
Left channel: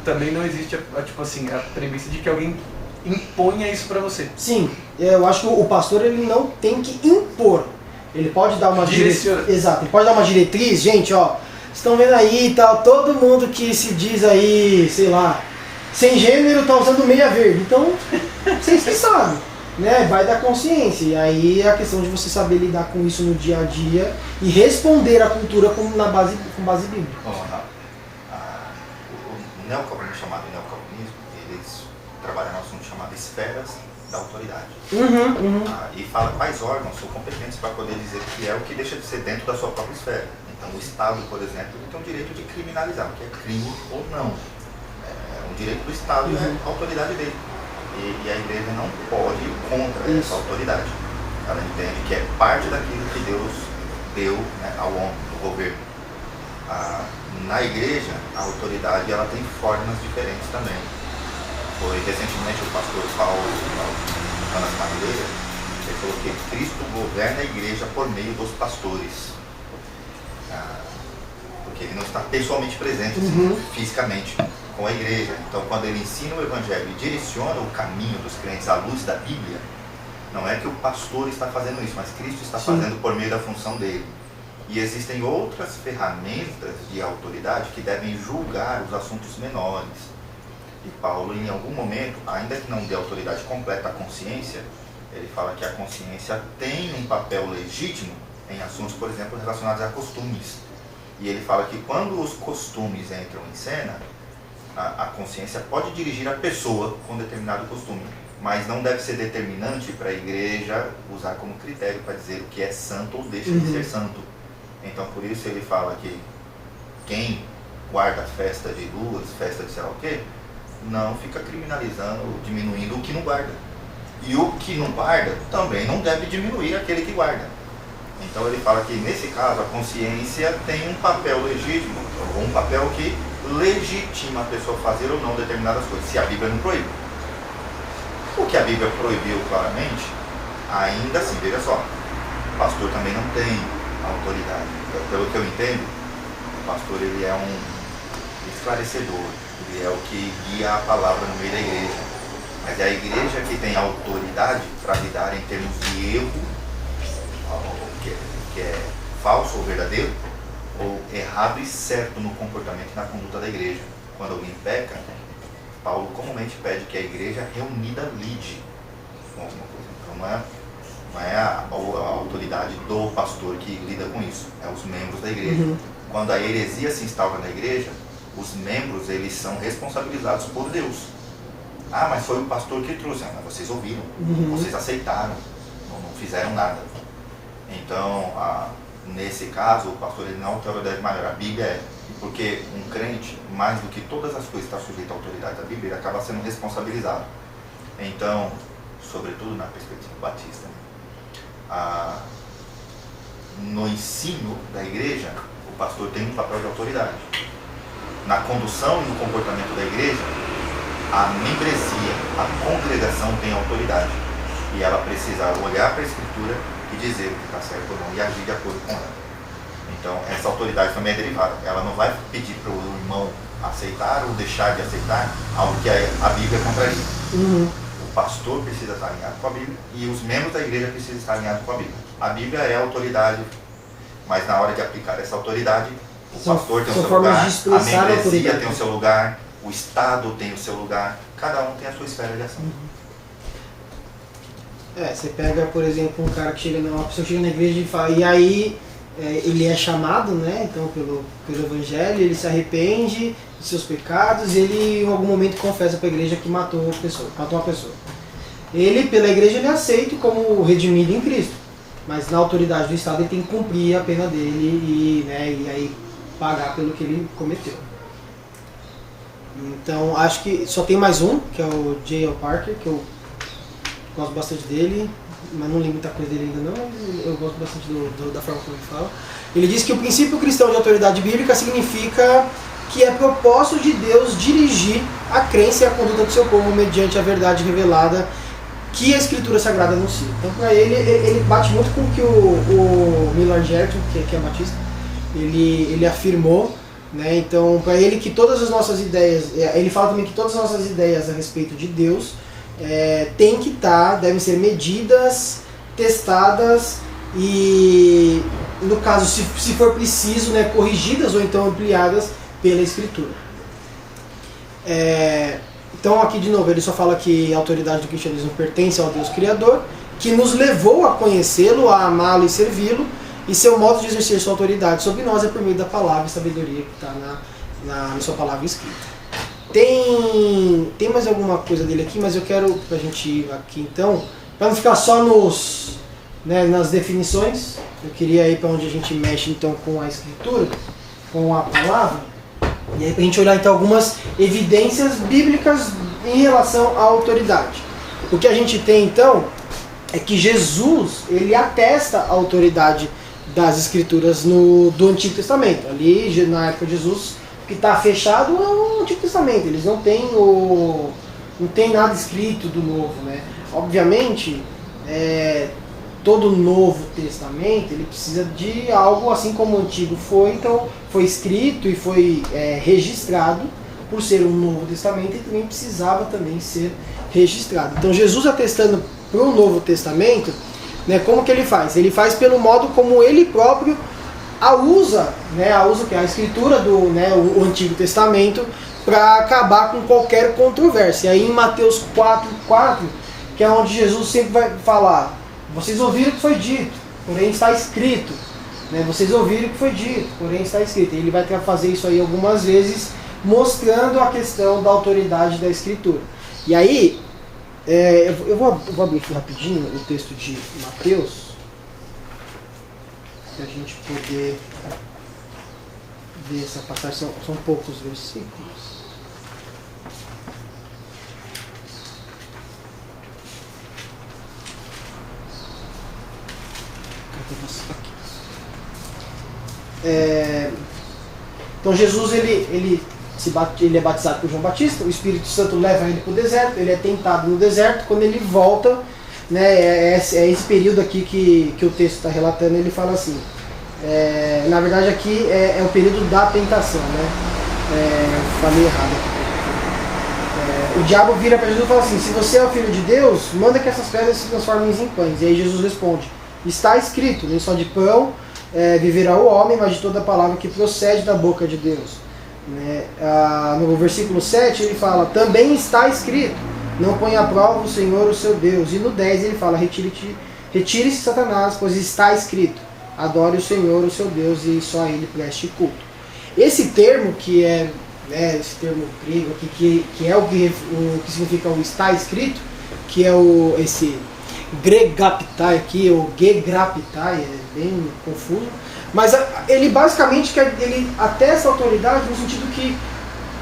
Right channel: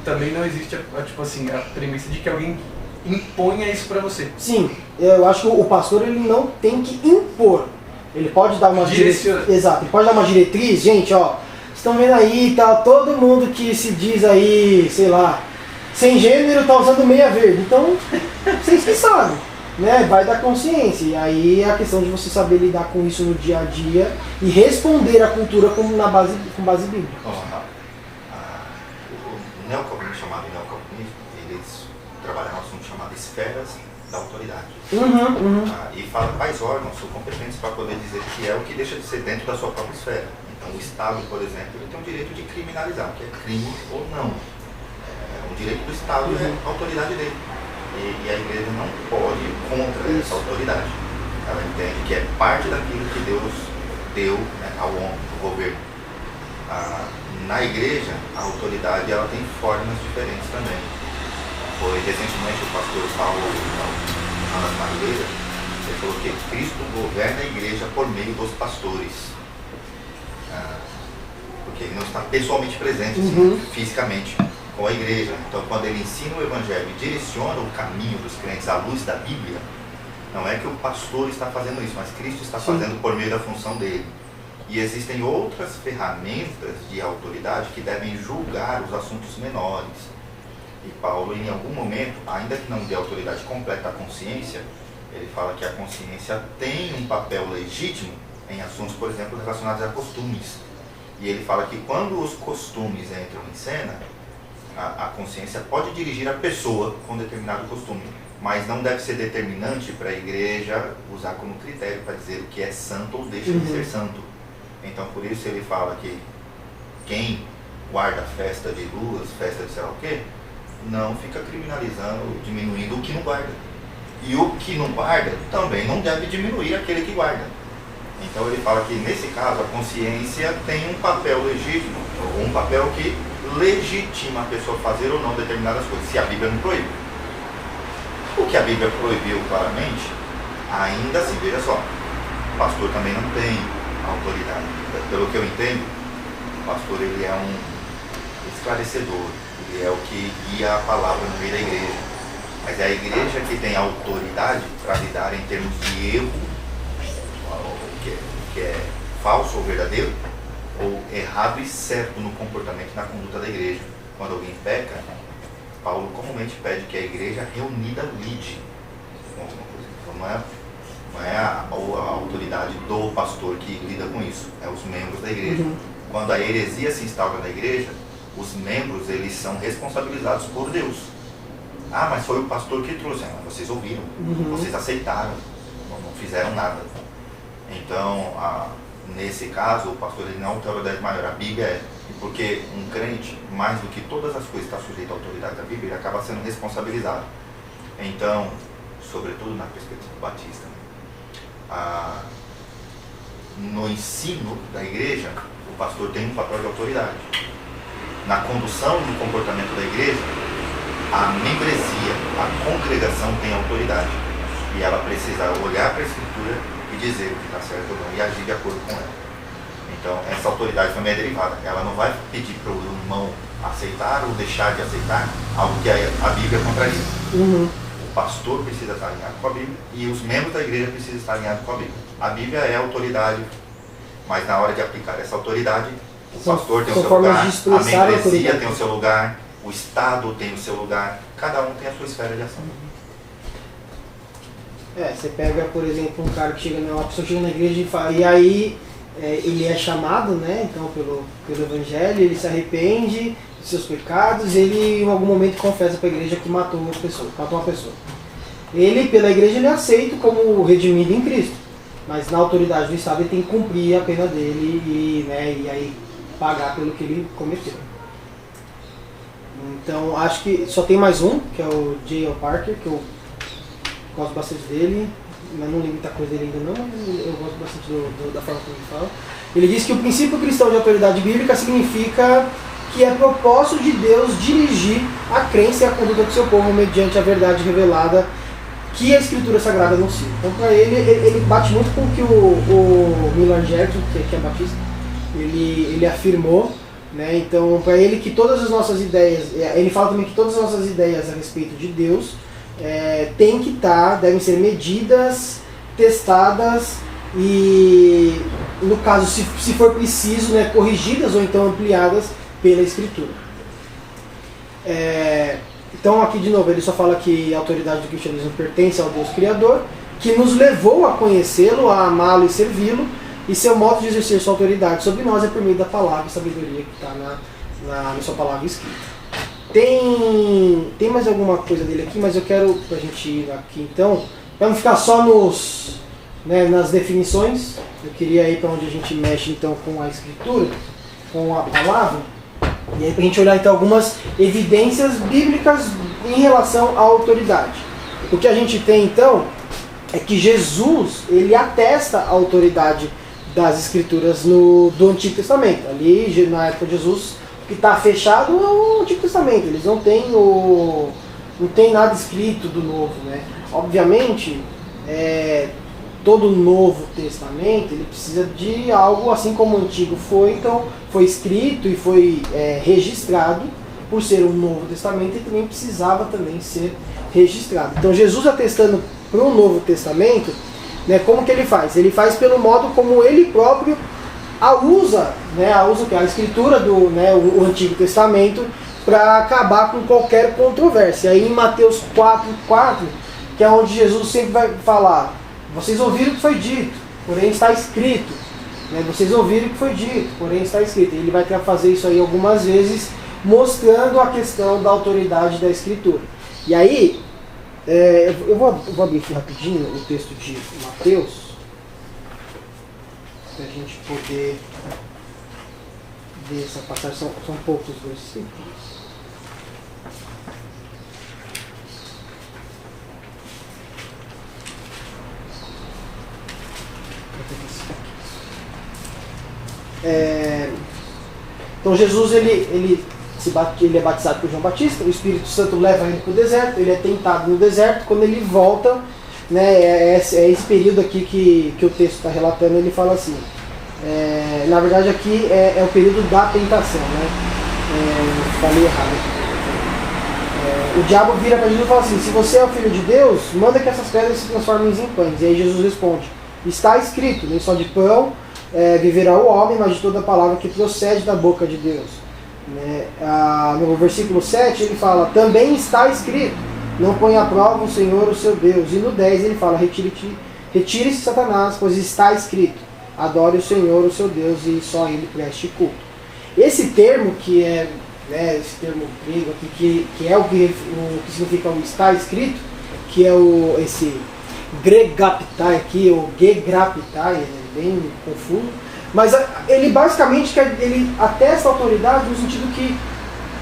também não existe tipo assim, a premissa de que alguém imponha isso pra você. Sim, eu acho que o pastor ele não tem que impor. Ele pode dar uma diretriz. Exato, ele pode dar uma diretriz, gente, ó. Estão vendo aí, tá, todo mundo que se diz aí, sei lá, sem gênero tá usando meia verde. Então, vocês que sabem. né, vai da consciência. E aí é a questão de você saber lidar com isso no dia a dia e responder à cultura com base bíblica. O neocomunismo, chamado neocomunismo, eles trabalham um assunto chamado esferas da autoridade. E fala quais órgãos são competentes para poder dizer que é o que deixa de ser dentro da sua própria esfera. Então o Estado, por exemplo, ele tem o direito de criminalizar, o que é crime ou não. O direito do Estado é a autoridade dele. E a igreja não pode ir contra essa autoridade. Ela entende que é parte daquilo que Deus deu, né, ao homem, ao governo. Na igreja, a autoridade ela tem formas diferentes também. Foi recentemente o pastor Paulo Madureira, ele falou que Cristo governa a igreja por meio dos pastores. Porque ele não está pessoalmente presente, assim, fisicamente, com a igreja. Então, quando ele ensina o Evangelho e direciona o caminho dos crentes à luz da Bíblia, não é que o pastor está fazendo isso, mas Cristo está fazendo por meio da função dele. E existem outras ferramentas de autoridade que devem julgar os assuntos menores. E Paulo, em algum momento, ainda que não dê autoridade completa à consciência, ele fala que a consciência tem um papel legítimo em assuntos, por exemplo, relacionados a costumes. E ele fala que quando os costumes entram em cena, a consciência pode dirigir a pessoa com determinado costume, mas não deve ser determinante para a igreja usar como critério para dizer o que é santo ou deixa de ser santo. Então, por isso ele fala que quem guarda festa de luas, festa de sei lá o quê, não fica criminalizando, diminuindo o que não guarda. E o que não guarda também não deve diminuir aquele que guarda. Então ele fala que nesse caso a consciência tem um papel legítimo, ou um papel que legitima a pessoa fazer ou não determinadas coisas, se a Bíblia não proíbe. O que a Bíblia proibiu claramente, ainda assim, veja só, o pastor também não tem autoridade. Pelo que eu entendo, o pastor ele é um esclarecedor, ele é o que guia a palavra no meio da igreja. Mas é a igreja que tem autoridade para lidar em termos de erro, que é falso ou verdadeiro, ou errado e certo no comportamento e na conduta da igreja. Quando alguém peca, Paulo comumente pede que a igreja reunida lide com alguma coisa. Então não é a autoridade do pastor que lida com isso, é os membros da igreja. Quando a heresia se instaura na igreja, os membros eles são responsabilizados por Deus. Ah, mas foi o pastor que trouxe. Ah, mas vocês ouviram, vocês aceitaram, não fizeram nada. Então, nesse caso, o pastor ele não é autoridade maior, a Bíblia é. E porque um crente, mais do que todas as coisas, está sujeito à autoridade da Bíblia, ele acaba sendo responsabilizado. Então, sobretudo na perspectiva batista, no ensino da igreja, o pastor tem um papel de autoridade. Na condução e no comportamento da igreja, a membresia, a congregação tem autoridade. E ela precisa olhar para a Escritura e dizer o que está certo ou não, e agir de acordo com ela. Então, essa autoridade também é derivada. Ela não vai pedir para o irmão aceitar ou deixar de aceitar algo que a Bíblia contraria. O pastor precisa estar alinhado com a Bíblia e os membros da igreja precisam estar alinhados com a Bíblia. A Bíblia é a autoridade, mas na hora de aplicar essa autoridade, o pastor tem o seu lugar, a membresia tem o seu lugar, o Estado tem o seu lugar, cada um tem a sua esfera de ação. Você pega, por exemplo, um cara que chega, uma pessoa chega na igreja e fala, e aí ele é chamado, né, então, pelo Evangelho, ele se arrepende dos seus pecados, ele em algum momento confessa para a igreja que matou uma pessoa. Ele, pela igreja, ele é aceito como redimido em Cristo, mas na autoridade do Estado ele tem que cumprir a pena dele e aí pagar pelo que ele cometeu. Então, acho que só tem mais um, que é o J.L. Parker, que eu gosto bastante dele, mas não lembro muita coisa dele ainda não, mas eu gosto bastante da forma como ele fala. Ele diz que o princípio cristão de autoridade bíblica significa que é propósito de Deus dirigir a crença e a conduta do seu povo mediante a verdade revelada que a Escritura Sagrada anuncia. Então, para ele bate muito com o que o Millard Gerton, que é batista, ele afirmou, né? Então, para ele que todas as nossas ideias, ele fala também que todas as nossas ideias a respeito de Deus devem ser medidas, testadas e, no caso, se for preciso, né, corrigidas ou então ampliadas pela Escritura. Então aqui de novo ele só fala que a autoridade do cristianismo pertence ao Deus Criador, que nos levou a conhecê-lo, a amá-lo e servi-lo, e seu modo de exercer sua autoridade sobre nós é por meio da palavra e sabedoria que está na sua palavra escrita. Tem mais alguma coisa dele aqui, mas eu quero, para a gente ir aqui então, para não ficar só nas definições, eu queria ir para onde a gente mexe então com a escritura, com a palavra, e aí para a gente olhar então algumas evidências bíblicas em relação à autoridade. O que a gente tem então é que Jesus, ele atesta a autoridade das escrituras do Antigo Testamento. Ali, na época de Jesus, o que está fechado é o Antigo Testamento. Eles não têm nada escrito do Novo, né? Obviamente, todo o Novo Testamento ele precisa de algo assim como o Antigo foi. Então, foi escrito e foi registrado por ser um Novo Testamento e também precisava também ser registrado. Então, Jesus atestando para o Novo Testamento, né, como que ele faz? Ele faz pelo modo como ele próprio usa a escritura o Antigo Testamento para acabar com qualquer controvérsia. Aí em Mateus 4:4, que é onde Jesus sempre vai falar: vocês ouviram o que foi dito, porém está escrito. Né? Vocês ouviram o que foi dito, porém está escrito. E ele vai fazer isso aí algumas vezes, mostrando a questão da autoridade da escritura. E aí, eu vou abrir aqui rapidinho o texto de Mateus, para a gente poder ver essa passagem. São poucos versículos. Então Jesus ele é batizado por João Batista, o Espírito Santo leva ele para o deserto, ele é tentado no deserto. Quando ele volta, né, é esse período aqui que o texto está relatando. Ele fala assim, na verdade aqui é o período da tentação, né? Falei errado aqui. O diabo vira para Jesus e fala assim: se você é o Filho de Deus, manda que essas pedras se transformem em pães. E aí Jesus responde: está escrito, nem só de pão viverá o homem, mas de toda a palavra que procede da boca de Deus. Né? No versículo 7 ele fala: também está escrito, não ponha à prova o Senhor o seu Deus. E no 10 ele fala: retire-se Satanás, pois está escrito, adore o Senhor o seu Deus e só a ele preste culto. Esse termo que esse termo grego aqui, que é o que significa o está escrito, que é esse gregapitai aqui, ou gegrapitai, é bem confuso, mas ele basicamente ele atesta a autoridade no sentido que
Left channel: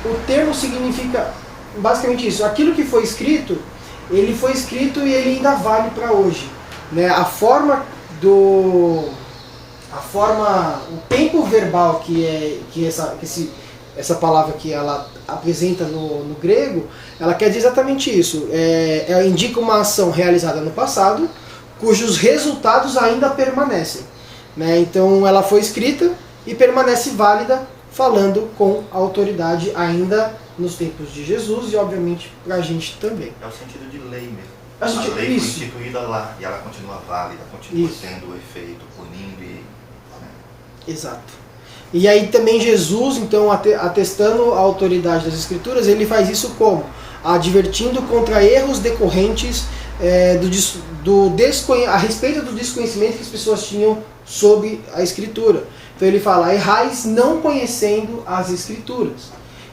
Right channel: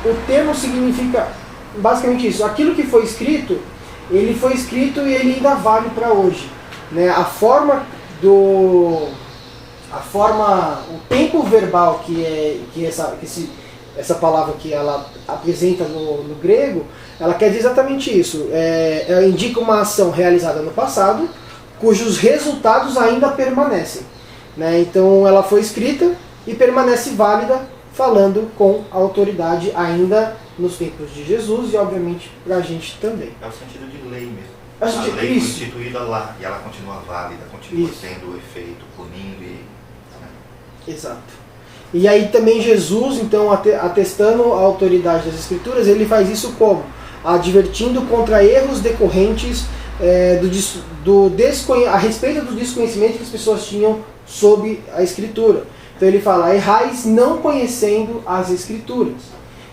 o termo significa basicamente isso: aquilo que foi escrito, ele foi escrito e ele ainda vale para hoje, né? O tempo verbal que essa palavra que ela apresenta no grego, ela quer dizer exatamente isso. Ela indica uma ação realizada no passado, cujos resultados ainda permanecem. Né? Então ela foi escrita e permanece válida, falando com autoridade ainda nos tempos de Jesus e obviamente para a gente também. É o sentido de lei mesmo. A lei foi instituída lá e ela continua válida, continua tendo efeito, punindo e... Exato. E aí também Jesus, então, atestando a autoridade das Escrituras, ele faz isso como? Advertindo contra erros decorrentes a respeito do desconhecimento que as pessoas tinham sobre a Escritura. Então ele fala: errais não conhecendo as Escrituras.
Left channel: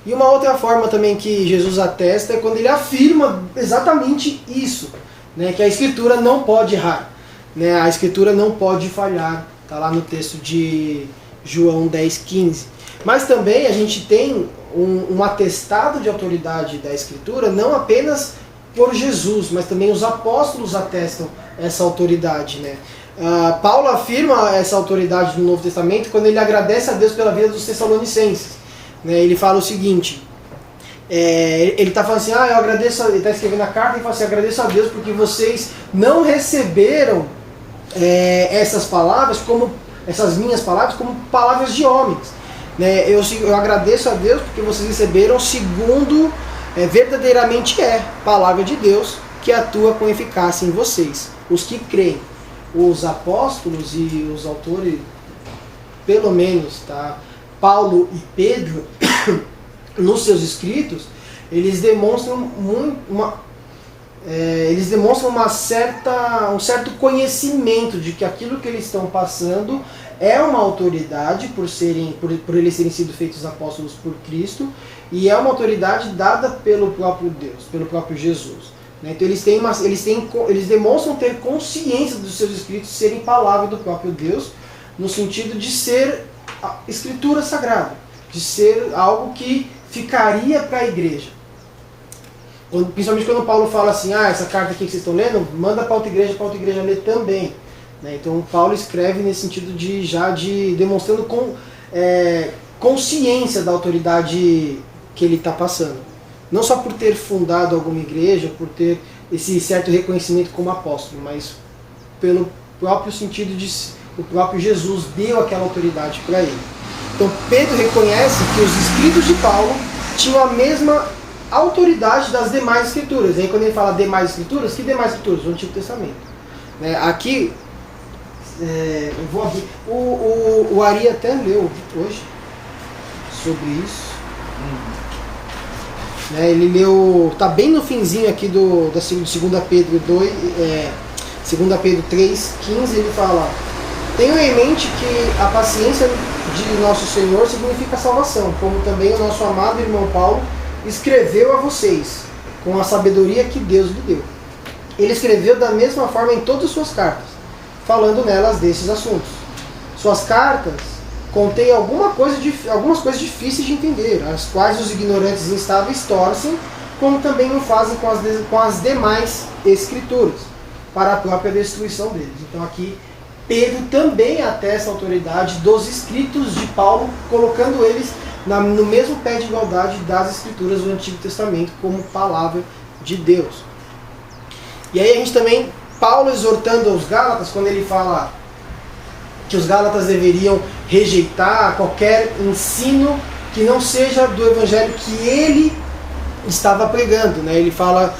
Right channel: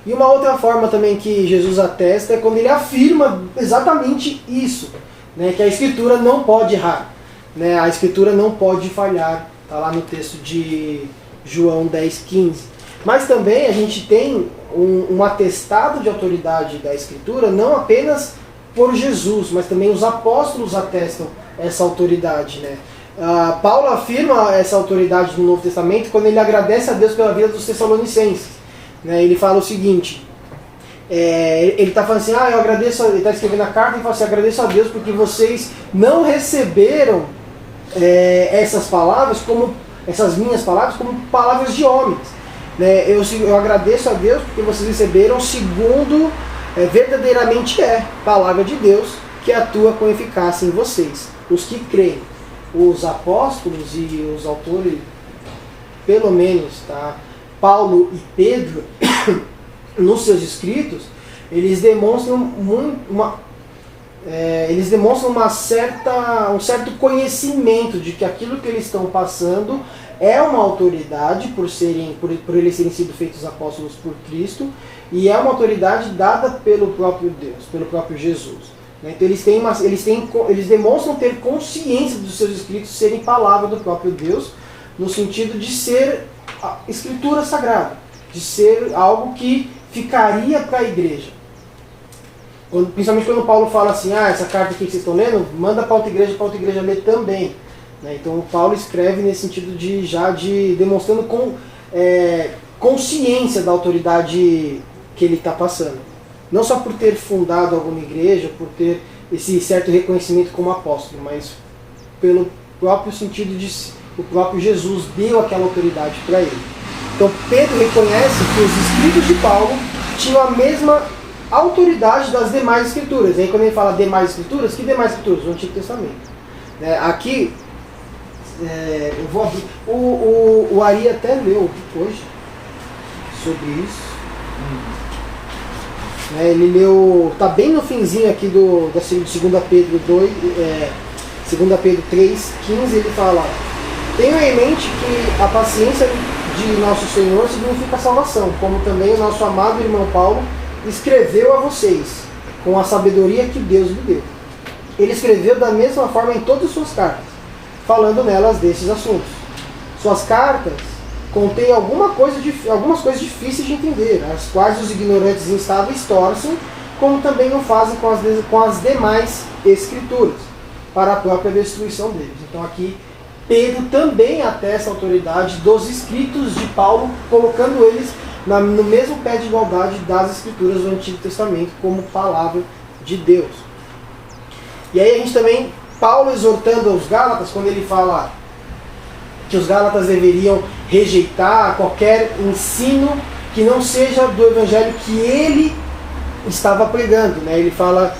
E uma outra forma também que Jesus atesta é quando ele afirma exatamente isso, né, que a Escritura não pode errar, né, a Escritura não pode falhar. Está lá no texto de João 10,15. Mas também a gente tem um atestado de autoridade da Escritura, não apenas por Jesus, mas também os apóstolos atestam essa autoridade. Né? Paulo afirma essa autoridade no Novo Testamento quando ele agradece a Deus pela vida dos Tessalonicenses. Né? Ele fala o seguinte, ele está falando assim, eu agradeço, ele está escrevendo a carta e fala assim: agradeço a Deus porque vocês não receberam essas minhas palavras como palavras de homens. Né? Eu agradeço a Deus porque vocês receberam segundo verdadeiramente palavra de Deus, que atua com eficácia em vocês, os que creem. Os apóstolos e os autores, pelo menos, tá? Paulo e Pedro, nos seus escritos, eles demonstram um certo conhecimento de que aquilo que eles estão passando é uma autoridade por eles terem sido feitos apóstolos por Cristo, e é uma autoridade dada pelo próprio Deus, pelo próprio Jesus. Então eles demonstram ter consciência dos seus escritos serem palavra do próprio Deus, no sentido de ser a escritura sagrada, de ser algo que ficaria para a igreja. Principalmente quando Paulo fala assim, essa carta aqui que vocês estão lendo, manda para outra igreja ler também. Então Paulo escreve nesse sentido de demonstrando consciência da autoridade que ele está passando. Não só por ter fundado alguma igreja, por ter esse certo reconhecimento como apóstolo, mas pelo próprio sentido de o próprio Jesus deu aquela autoridade para ele. Então Pedro reconhece que os escritos de Paulo tinham a mesma autoridade das demais escrituras. E aí quando ele fala demais escrituras, que demais escrituras? O Antigo Testamento. Aqui, eu vou abrir. O Ari até leu hoje sobre isso. Ele leu, está bem no finzinho aqui de 2 Pedro 2, 2 Pedro 3, 15, ele fala: tenham em mente que a paciência de nosso Senhor significa salvação, como também o nosso amado irmão Paulo escreveu a vocês, com a sabedoria que Deus lhe deu. Ele escreveu da mesma forma em todas as suas cartas, falando nelas desses assuntos. Suas cartas contém algumas coisas difíceis de entender, as quais os ignorantes instáveis torcem, como também o fazem com as demais escrituras, para a própria destruição deles. Então aqui Pedro também atesta a autoridade dos escritos de Paulo, colocando eles no mesmo pé de igualdade das escrituras do Antigo Testamento como palavra de Deus. E aí a gente também, Paulo exortando aos Gálatas, quando ele fala que os Gálatas deveriam rejeitar qualquer ensino que não seja do evangelho que ele estava pregando. Ele fala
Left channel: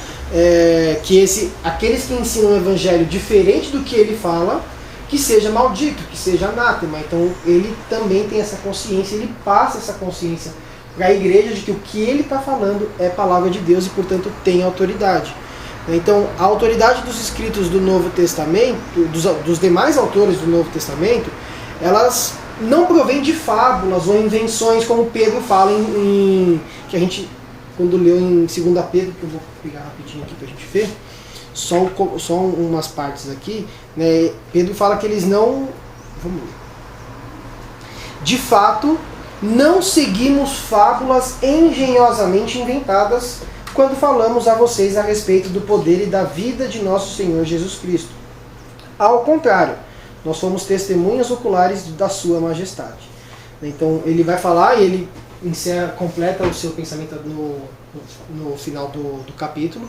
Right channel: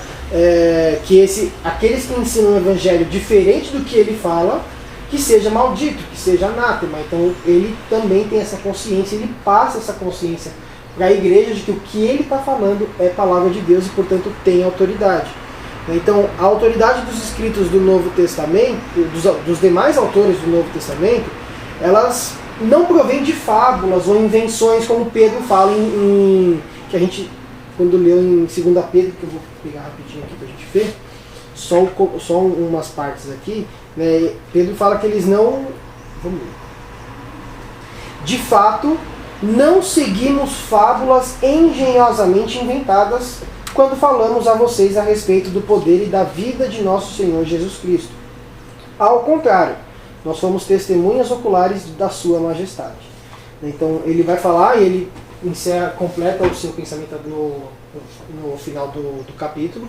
que aqueles que ensinam o evangelho diferente do que ele fala, que seja maldito, que seja anátema. Então ele também tem essa consciência, ele passa essa consciência para a igreja de que o que ele está falando é palavra de Deus e, portanto, tem autoridade. Então, a autoridade dos escritos do Novo Testamento, dos demais autores do Novo Testamento, elas não provêm de fábulas ou invenções, como Pedro fala que a gente, quando leu em 2 Pedro, que eu vou pegar rapidinho aqui para a gente ver, só umas partes aqui, Pedro fala que eles não... Vamos ver. De fato, não seguimos fábulas engenhosamente inventadas quando falamos a vocês a respeito do poder e da vida de nosso Senhor Jesus Cristo. Ao contrário, nós somos testemunhas oculares da sua majestade. Então ele vai falar e ele completa o seu pensamento no final do capítulo.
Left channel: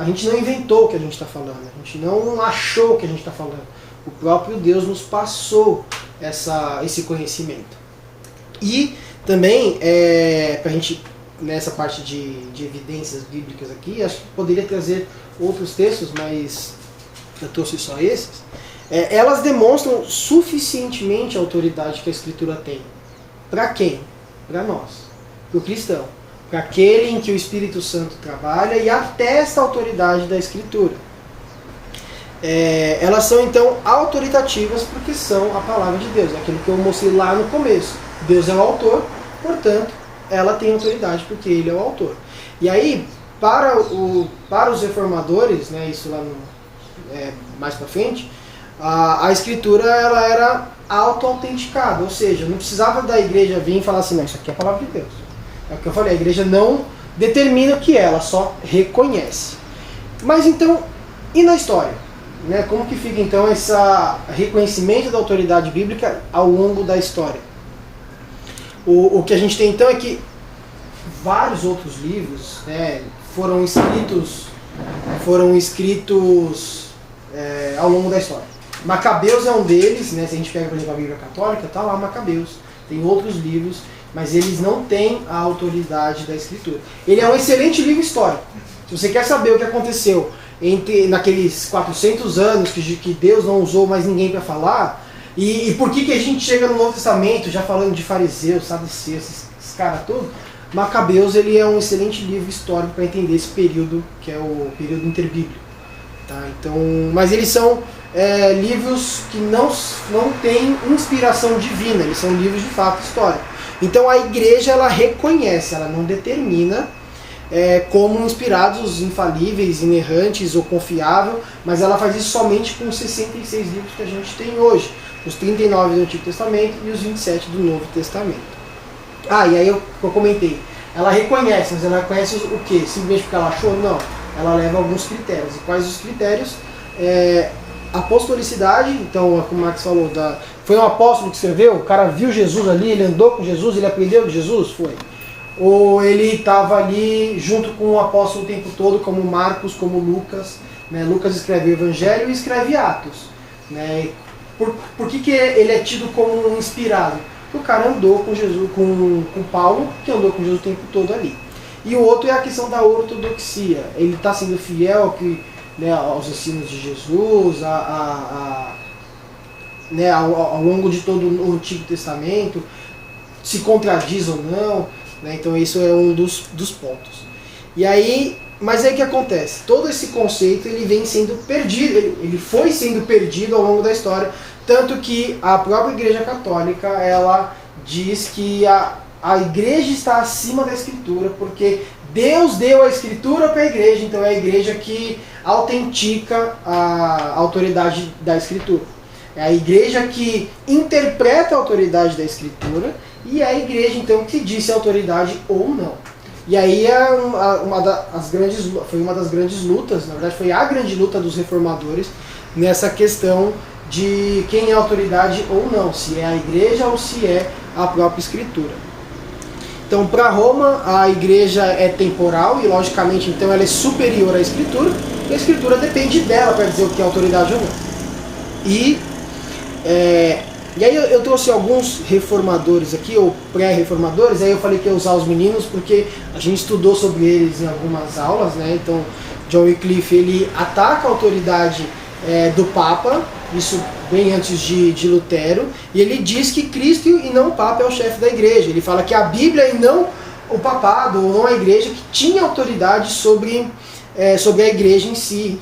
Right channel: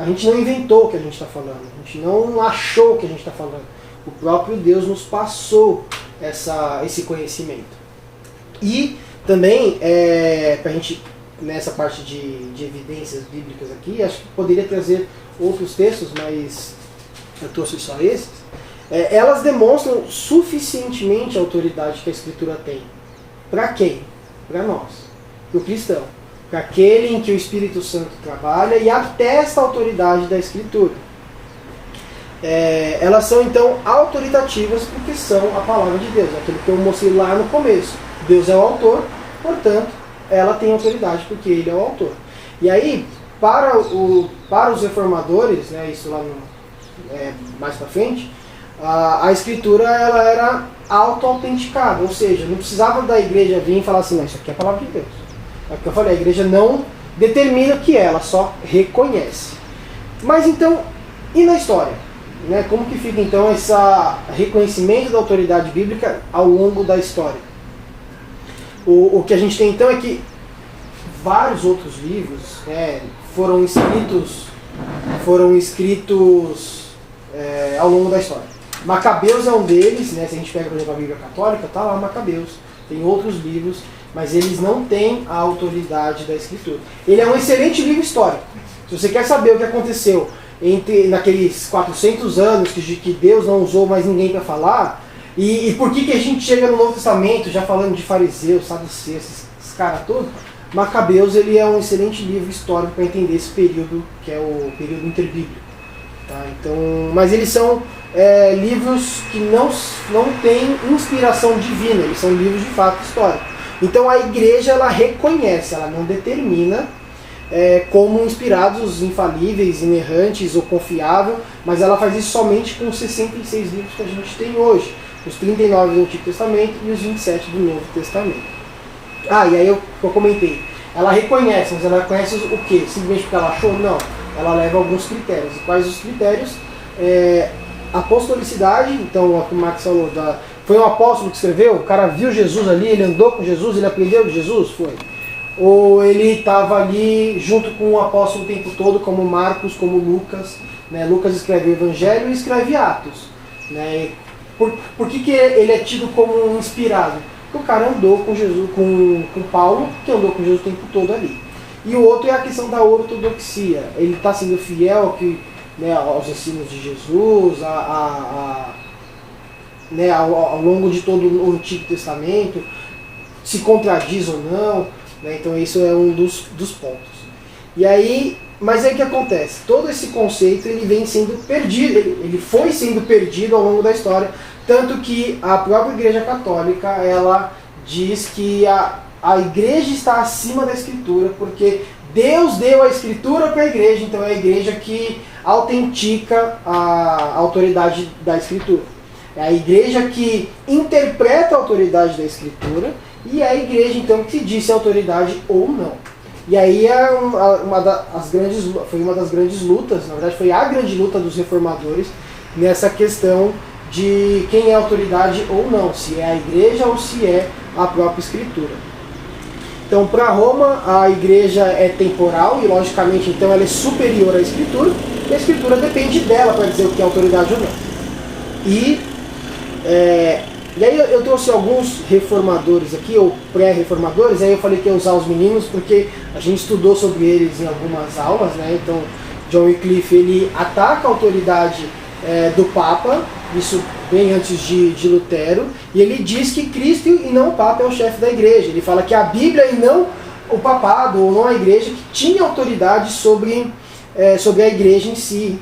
A gente não inventou o que a gente está falando, a gente não achou o que a gente está falando. O próprio Deus nos passou esse conhecimento. E também, para a gente, nessa parte de evidências bíblicas aqui, acho que poderia trazer outros textos, mas eu trouxe só esses. Elas demonstram suficientemente a autoridade que a Escritura tem. Para quem? Para nós, para o cristão. Para aquele em que o Espírito Santo trabalha e atesta a autoridade da Escritura. Elas são então autoritativas porque são a palavra de Deus, aquilo que eu mostrei lá no começo. Deus é o autor, portanto, ela tem autoridade porque ele é o autor. E aí, para os reformadores, isso lá mais para frente, a Escritura ela era auto-autenticada, ou seja, não precisava da igreja vir e falar assim, não, isso aqui é a palavra de Deus. É o que eu falei, a igreja não determina o que é, ela só reconhece. Mas então, e na história? Como que fica então esse reconhecimento da autoridade bíblica ao longo da história? O que a gente tem então é que vários outros livros foram escritos ao longo da história. Macabeus é um deles, se a gente pega, por exemplo, a Bíblia Católica, está lá Macabeus. Tem outros livros, mas eles não têm a autoridade da Escritura. Ele é um excelente livro histórico. Se você quer saber o que aconteceu naqueles 400 anos que Deus não usou mais ninguém para falar, e por que a gente chega no Novo Testamento já falando de fariseus, saduceus, esses caras todos, Macabeus ele é um excelente livro histórico para entender esse período, que é o período interbíblico. Tá? Então, mas eles são livros que não têm inspiração divina, eles são livros de fato históricos. Então a igreja ela reconhece, ela não determina como inspirados, infalíveis, inerrantes ou confiável, mas ela faz isso somente com os 66 livros que a gente tem hoje, os 39 do Antigo Testamento e os 27 do Novo Testamento. E aí eu comentei, ela reconhece, mas ela reconhece o quê? Simplesmente porque ela achou? Não, ela leva alguns critérios. E quais os critérios? Apostolicidade, então, como o Max falou, foi um apóstolo que escreveu, o cara viu Jesus ali, ele andou com Jesus, ele aprendeu de Jesus? Foi. Ou ele estava ali junto com o apóstolo o tempo todo, como Marcos, como Lucas. Né? Lucas escreve o Evangelho e escreve Atos. Né? Por que ele é tido como inspirado? Porque o cara andou com Jesus, com Paulo, que andou com Jesus o tempo todo ali. E o outro é a questão da ortodoxia. Ele está sendo fiel aos ensinos de Jesus, ao longo de todo o Antigo Testamento, se contradiz ou não. Né? Então isso é um dos pontos. Mas aí o que acontece? Todo esse conceito ele vem sendo perdido, ele foi sendo perdido ao longo da história, tanto que a própria Igreja Católica ela diz que a Igreja está acima da Escritura, porque Deus deu a Escritura para a Igreja, então é a Igreja que autentica a autoridade da Escritura. É a Igreja que interpreta a autoridade da Escritura e é a Igreja então que diz se a autoridade ou não. E aí foi uma das grandes lutas, na verdade foi a grande luta dos reformadores nessa questão de quem é a autoridade ou não, se é a Igreja ou se é a própria Escritura. Então, para Roma, a Igreja é temporal e, logicamente, então ela é superior à Escritura, e a Escritura depende dela para dizer o que é autoridade ou não. E aí eu trouxe alguns reformadores aqui, ou pré-reformadores, aí eu falei que ia usar os meninos, porque a gente estudou sobre eles em algumas aulas, né? Então, John Wycliffe, ele ataca a autoridade do Papa, isso bem antes de Lutero, e ele diz que Cristo e não o Papa é o chefe da Igreja. Ele fala que a Bíblia e não o Papado, ou não a Igreja, que tinha autoridade sobre a Igreja em si,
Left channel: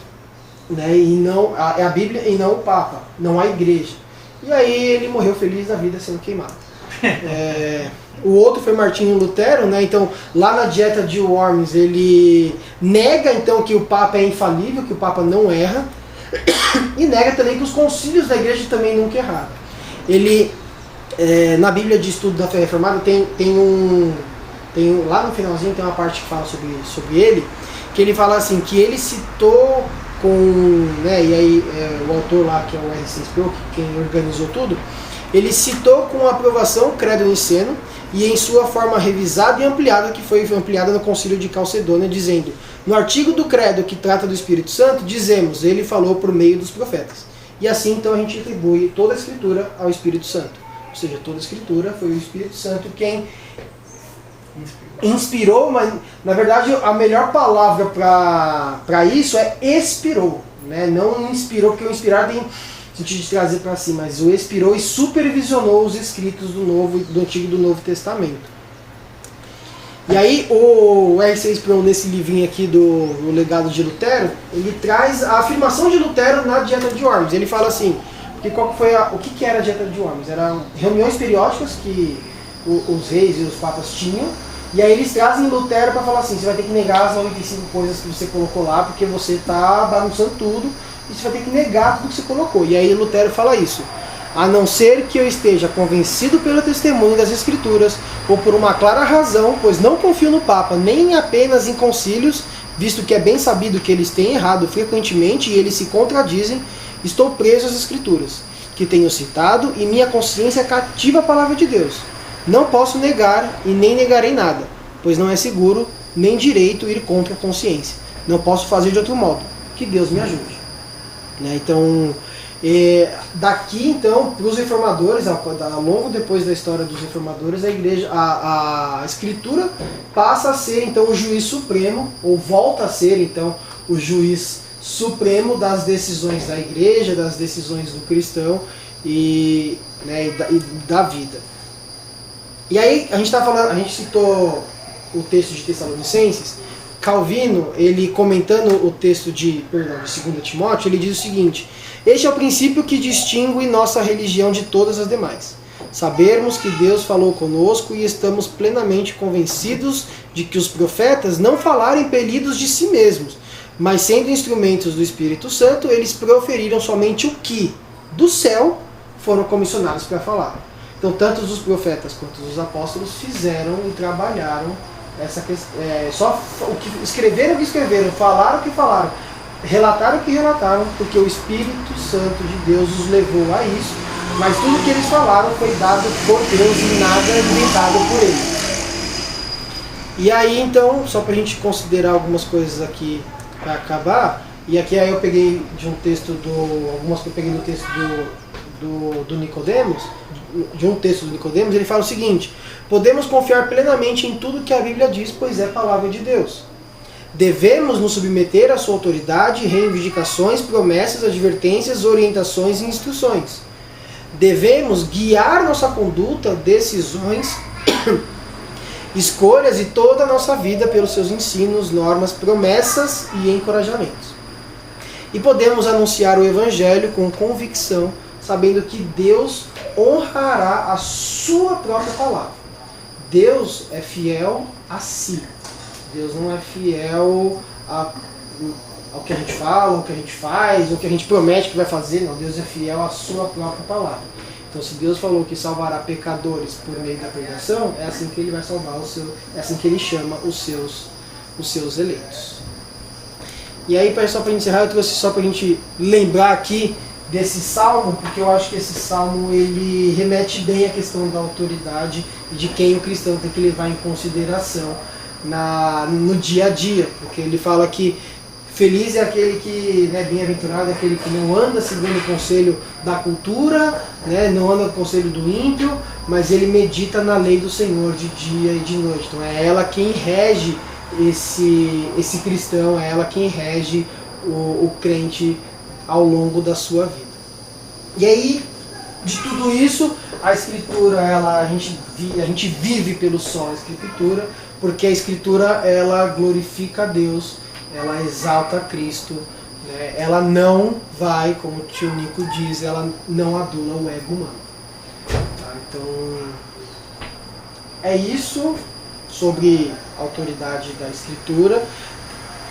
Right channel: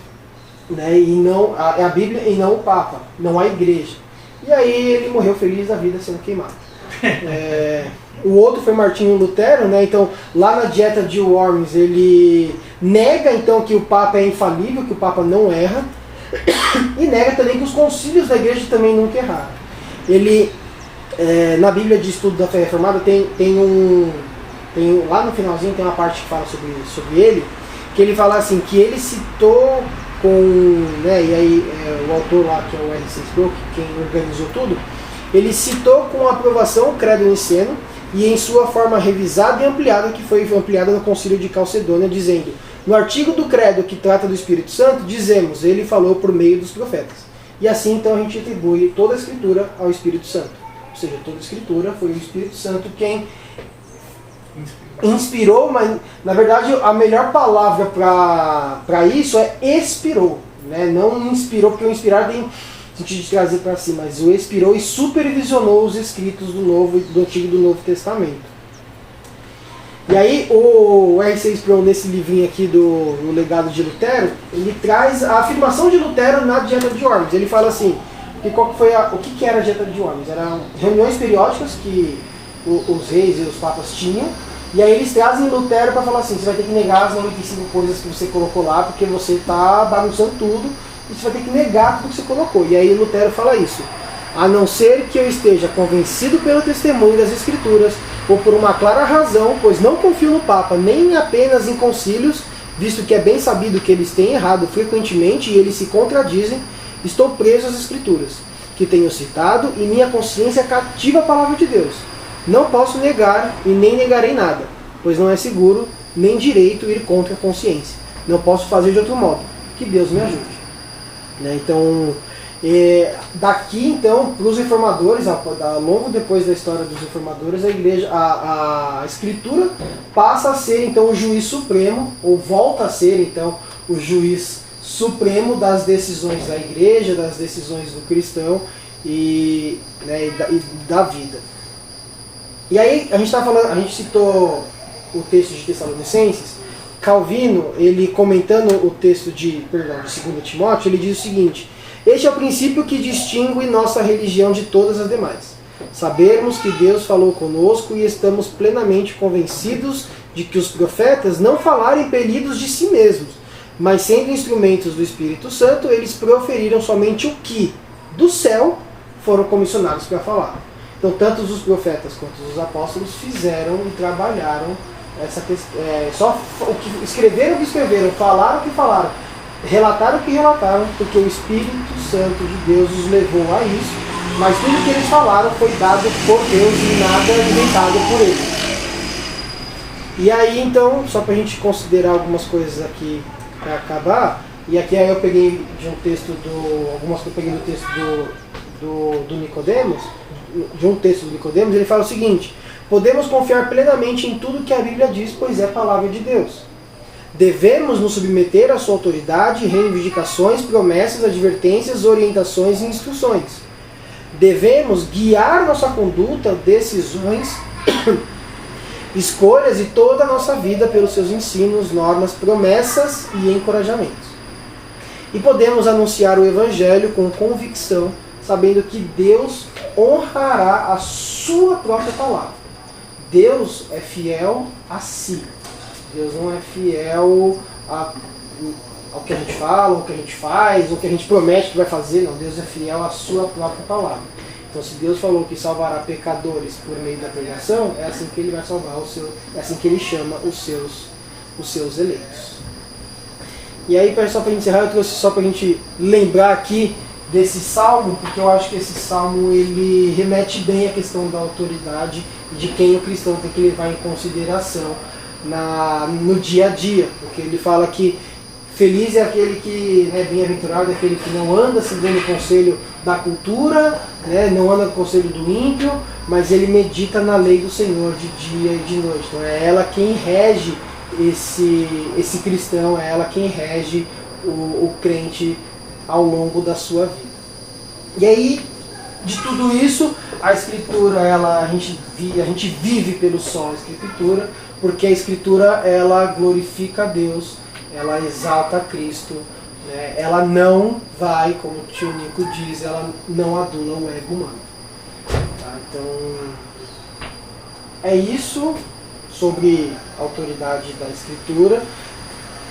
né? E não a Bíblia e não o Papa, não a Igreja. E aí ele morreu feliz da vida sendo queimado. O outro foi Martinho Lutero, né? Então lá na Dieta de Worms ele nega então que o Papa é infalível, que o Papa não erra, e nega também que os concílios da Igreja também nunca erraram. Ele, na Bíblia de Estudo da Fé Reformada, lá no finalzinho tem uma parte que fala sobre ele, que ele fala assim, que ele citou e aí o autor lá, que é o R.C. Sproul, quem organizou tudo, ele citou com aprovação o Credo Niceno, e em sua forma revisada e ampliada, que foi ampliada no Concílio de Calcedônia, dizendo: no artigo do Credo que trata do Espírito Santo, dizemos, ele falou por meio dos profetas. E assim então a gente atribui toda a Escritura ao Espírito Santo. Ou seja, toda a Escritura foi o Espírito Santo quem inspirou, mas na verdade a melhor palavra para isso é expirou. Né? Não inspirou, porque o inspirar tem sentido de trazer para si, mas o expirou e supervisionou os escritos do Antigo e do Novo Testamento. E aí o R.C. Sproul, nesse livrinho aqui do Legado de Lutero, ele traz a afirmação de Lutero na Dieta de Worms. Ele fala assim, o que era a Dieta de Worms? Eram reuniões periódicas que os reis e os papas tinham, e aí eles trazem Lutero para falar assim, você vai ter que negar as 95 coisas que você colocou lá, porque você está bagunçando tudo, e você vai ter que negar tudo que você colocou. E aí Lutero fala isso: a não ser que eu esteja convencido pelo testemunho das Escrituras, ou por uma clara razão, pois não confio no Papa, nem apenas em concílios, visto que é bem sabido que eles têm errado frequentemente e eles se contradizem, estou preso às Escrituras, que tenho citado, e minha consciência cativa a palavra de Deus. Não posso negar e nem negarei nada, pois não é seguro, nem direito ir contra a consciência. Não posso fazer de outro modo. Que Deus me ajude. Né? Então, daqui então, para os reformadores, logo depois da história dos reformadores, a Igreja, a Escritura passa a ser então o juiz supremo, ou volta a ser então o juiz supremo das decisões da Igreja, das decisões do cristão e da vida. E aí a gente citou o texto de Tessalonicenses, Calvino, ele comentando o texto de 2 Timóteo, ele diz o seguinte: este é o princípio que distingue nossa religião de todas as demais. Sabermos que Deus falou conosco e estamos plenamente convencidos de que os profetas não falaram impelidos de si mesmos, mas sendo instrumentos do Espírito Santo, eles proferiram somente o que do céu foram comissionados para falar. Então, tanto os profetas quanto os apóstolos fizeram e trabalharam essa questão. Só o que escreveram, falaram o que falaram, relataram o que relataram, porque o Espírito Santo de Deus os levou a isso, mas tudo que eles falaram foi dado por Deus e nada limitado por ele. E aí, então, só para a gente considerar algumas coisas aqui para acabar, e aqui aí eu peguei de um texto algumas que eu peguei do texto do Nicodemos, de um texto do Nicodemos, ele fala o seguinte: podemos confiar plenamente em tudo que a Bíblia diz, pois é palavra de Deus. Devemos nos submeter à sua autoridade, reivindicações, promessas, advertências, orientações e instruções. Devemos guiar nossa conduta, decisões, escolhas e toda a nossa vida pelos seus ensinos, normas, promessas e encorajamentos. E podemos anunciar o Evangelho com convicção, sabendo que Deus honrará a sua própria palavra. Deus é fiel a si. Deus não é fiel ao que a gente fala, ao que a gente faz, ao que a gente promete que vai fazer. Não, Deus é fiel à sua própria palavra. Então, se Deus falou que salvará pecadores por meio da pregação, é assim que Ele vai salvar é assim que Ele chama os seus eleitos. E aí, só para encerrar, eu trouxe só para a gente lembrar aqui desse salmo, porque eu acho que esse salmo ele remete bem à questão da autoridade e de quem o cristão tem que levar em consideração no dia a dia, porque ele fala que feliz é aquele que, bem-aventurado é aquele que não anda seguindo o conselho da cultura, não anda no conselho do ímpio, mas ele medita na lei do Senhor de dia e de noite. Então é ela quem rege esse cristão, é ela quem rege o crente ao longo da sua vida. E aí, de tudo isso, a Escritura, a gente vive pelo sol da Escritura, porque a Escritura ela glorifica a Deus, ela exalta a Cristo, né? Ela não vai, como o tio Nico diz, ela não adula o ego humano. Tá? Então, é isso sobre a autoridade da Escritura.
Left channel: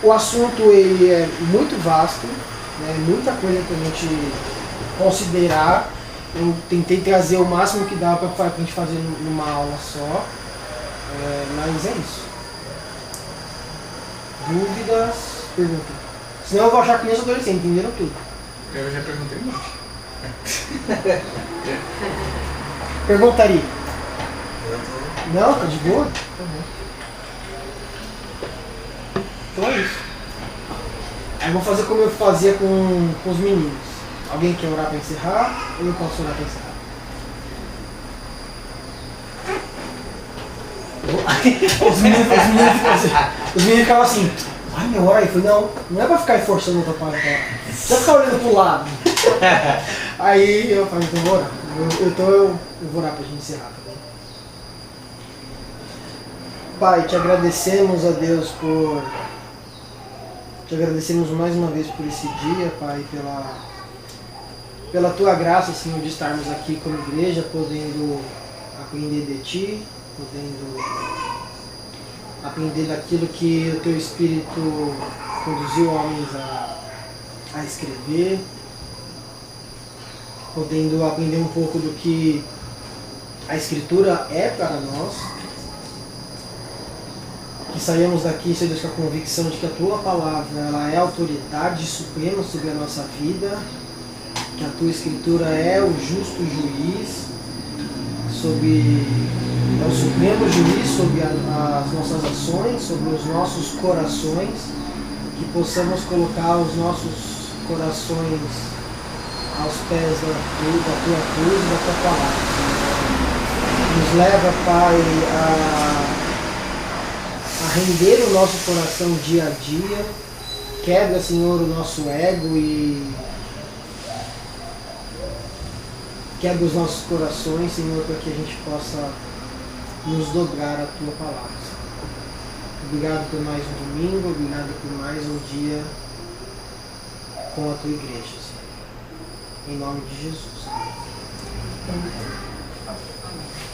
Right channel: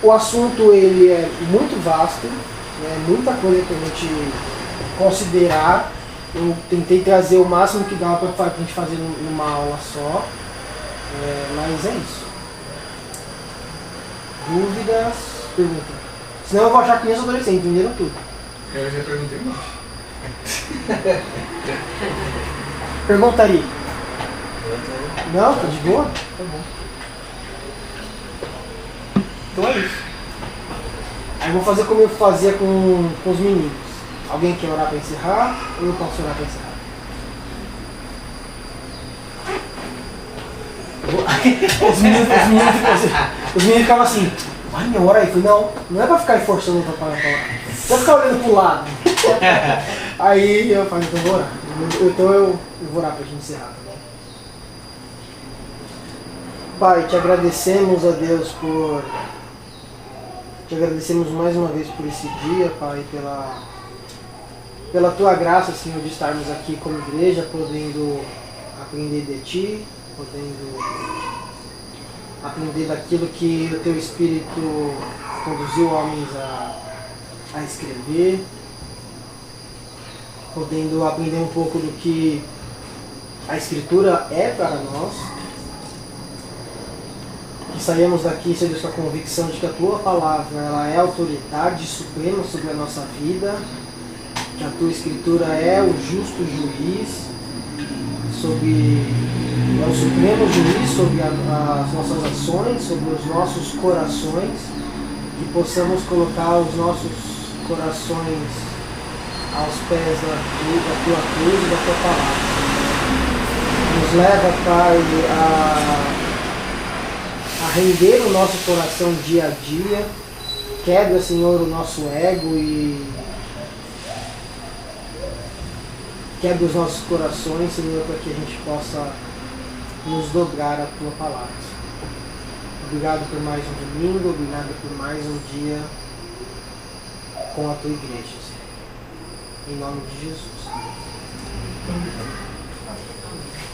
O assunto ele é muito vasto, muita coisa para a gente considerar. Eu tentei trazer o máximo que dá para a gente fazer numa aula só, mas é isso. Dúvidas? Pergunta. Senão eu vou achar que nem os adolescentes entenderam tudo. Eu já perguntei muito. Perguntaria? Não, tá de boa? Tá bom. Então é isso. Aí eu vou fazer como eu fazia com os meninos. Alguém quer orar para encerrar? Ou eu posso orar para encerrar? Os meninos ficavam assim: ai, meu, ora aí. Eu falei: não é para ficar forçando outra parte. Não é ficar olhando pro lado. Aí eu falei: então vou orar. Então eu vou orar para a gente encerrar. Pai, te agradecemos, a Deus, te agradecemos mais uma vez por esse dia, Pai, pela tua graça, Senhor, de estarmos aqui como igreja, podendo aprender de Ti, podendo aprender daquilo que o Teu Espírito conduziu homens a escrever, podendo aprender um pouco do que a Escritura é para nós, que saímos daqui, Senhor Deus, com a convicção de que a Tua Palavra ela é a autoridade suprema sobre a nossa vida, que a Tua Escritura é o justo juiz, é o supremo juiz sobre as nossas ações, sobre os nossos corações, que possamos colocar os nossos corações aos pés da Tua cruz e da Tua Palavra. Nos leva, Pai, a render o nosso coração dia a dia, quebra, Senhor, o nosso ego e quebra os nossos corações, Senhor, para que a gente possa nos dobrar a Tua Palavra. Obrigado por mais um domingo, obrigado por mais um dia com a tua igreja, Senhor. Em nome de Jesus. Amém.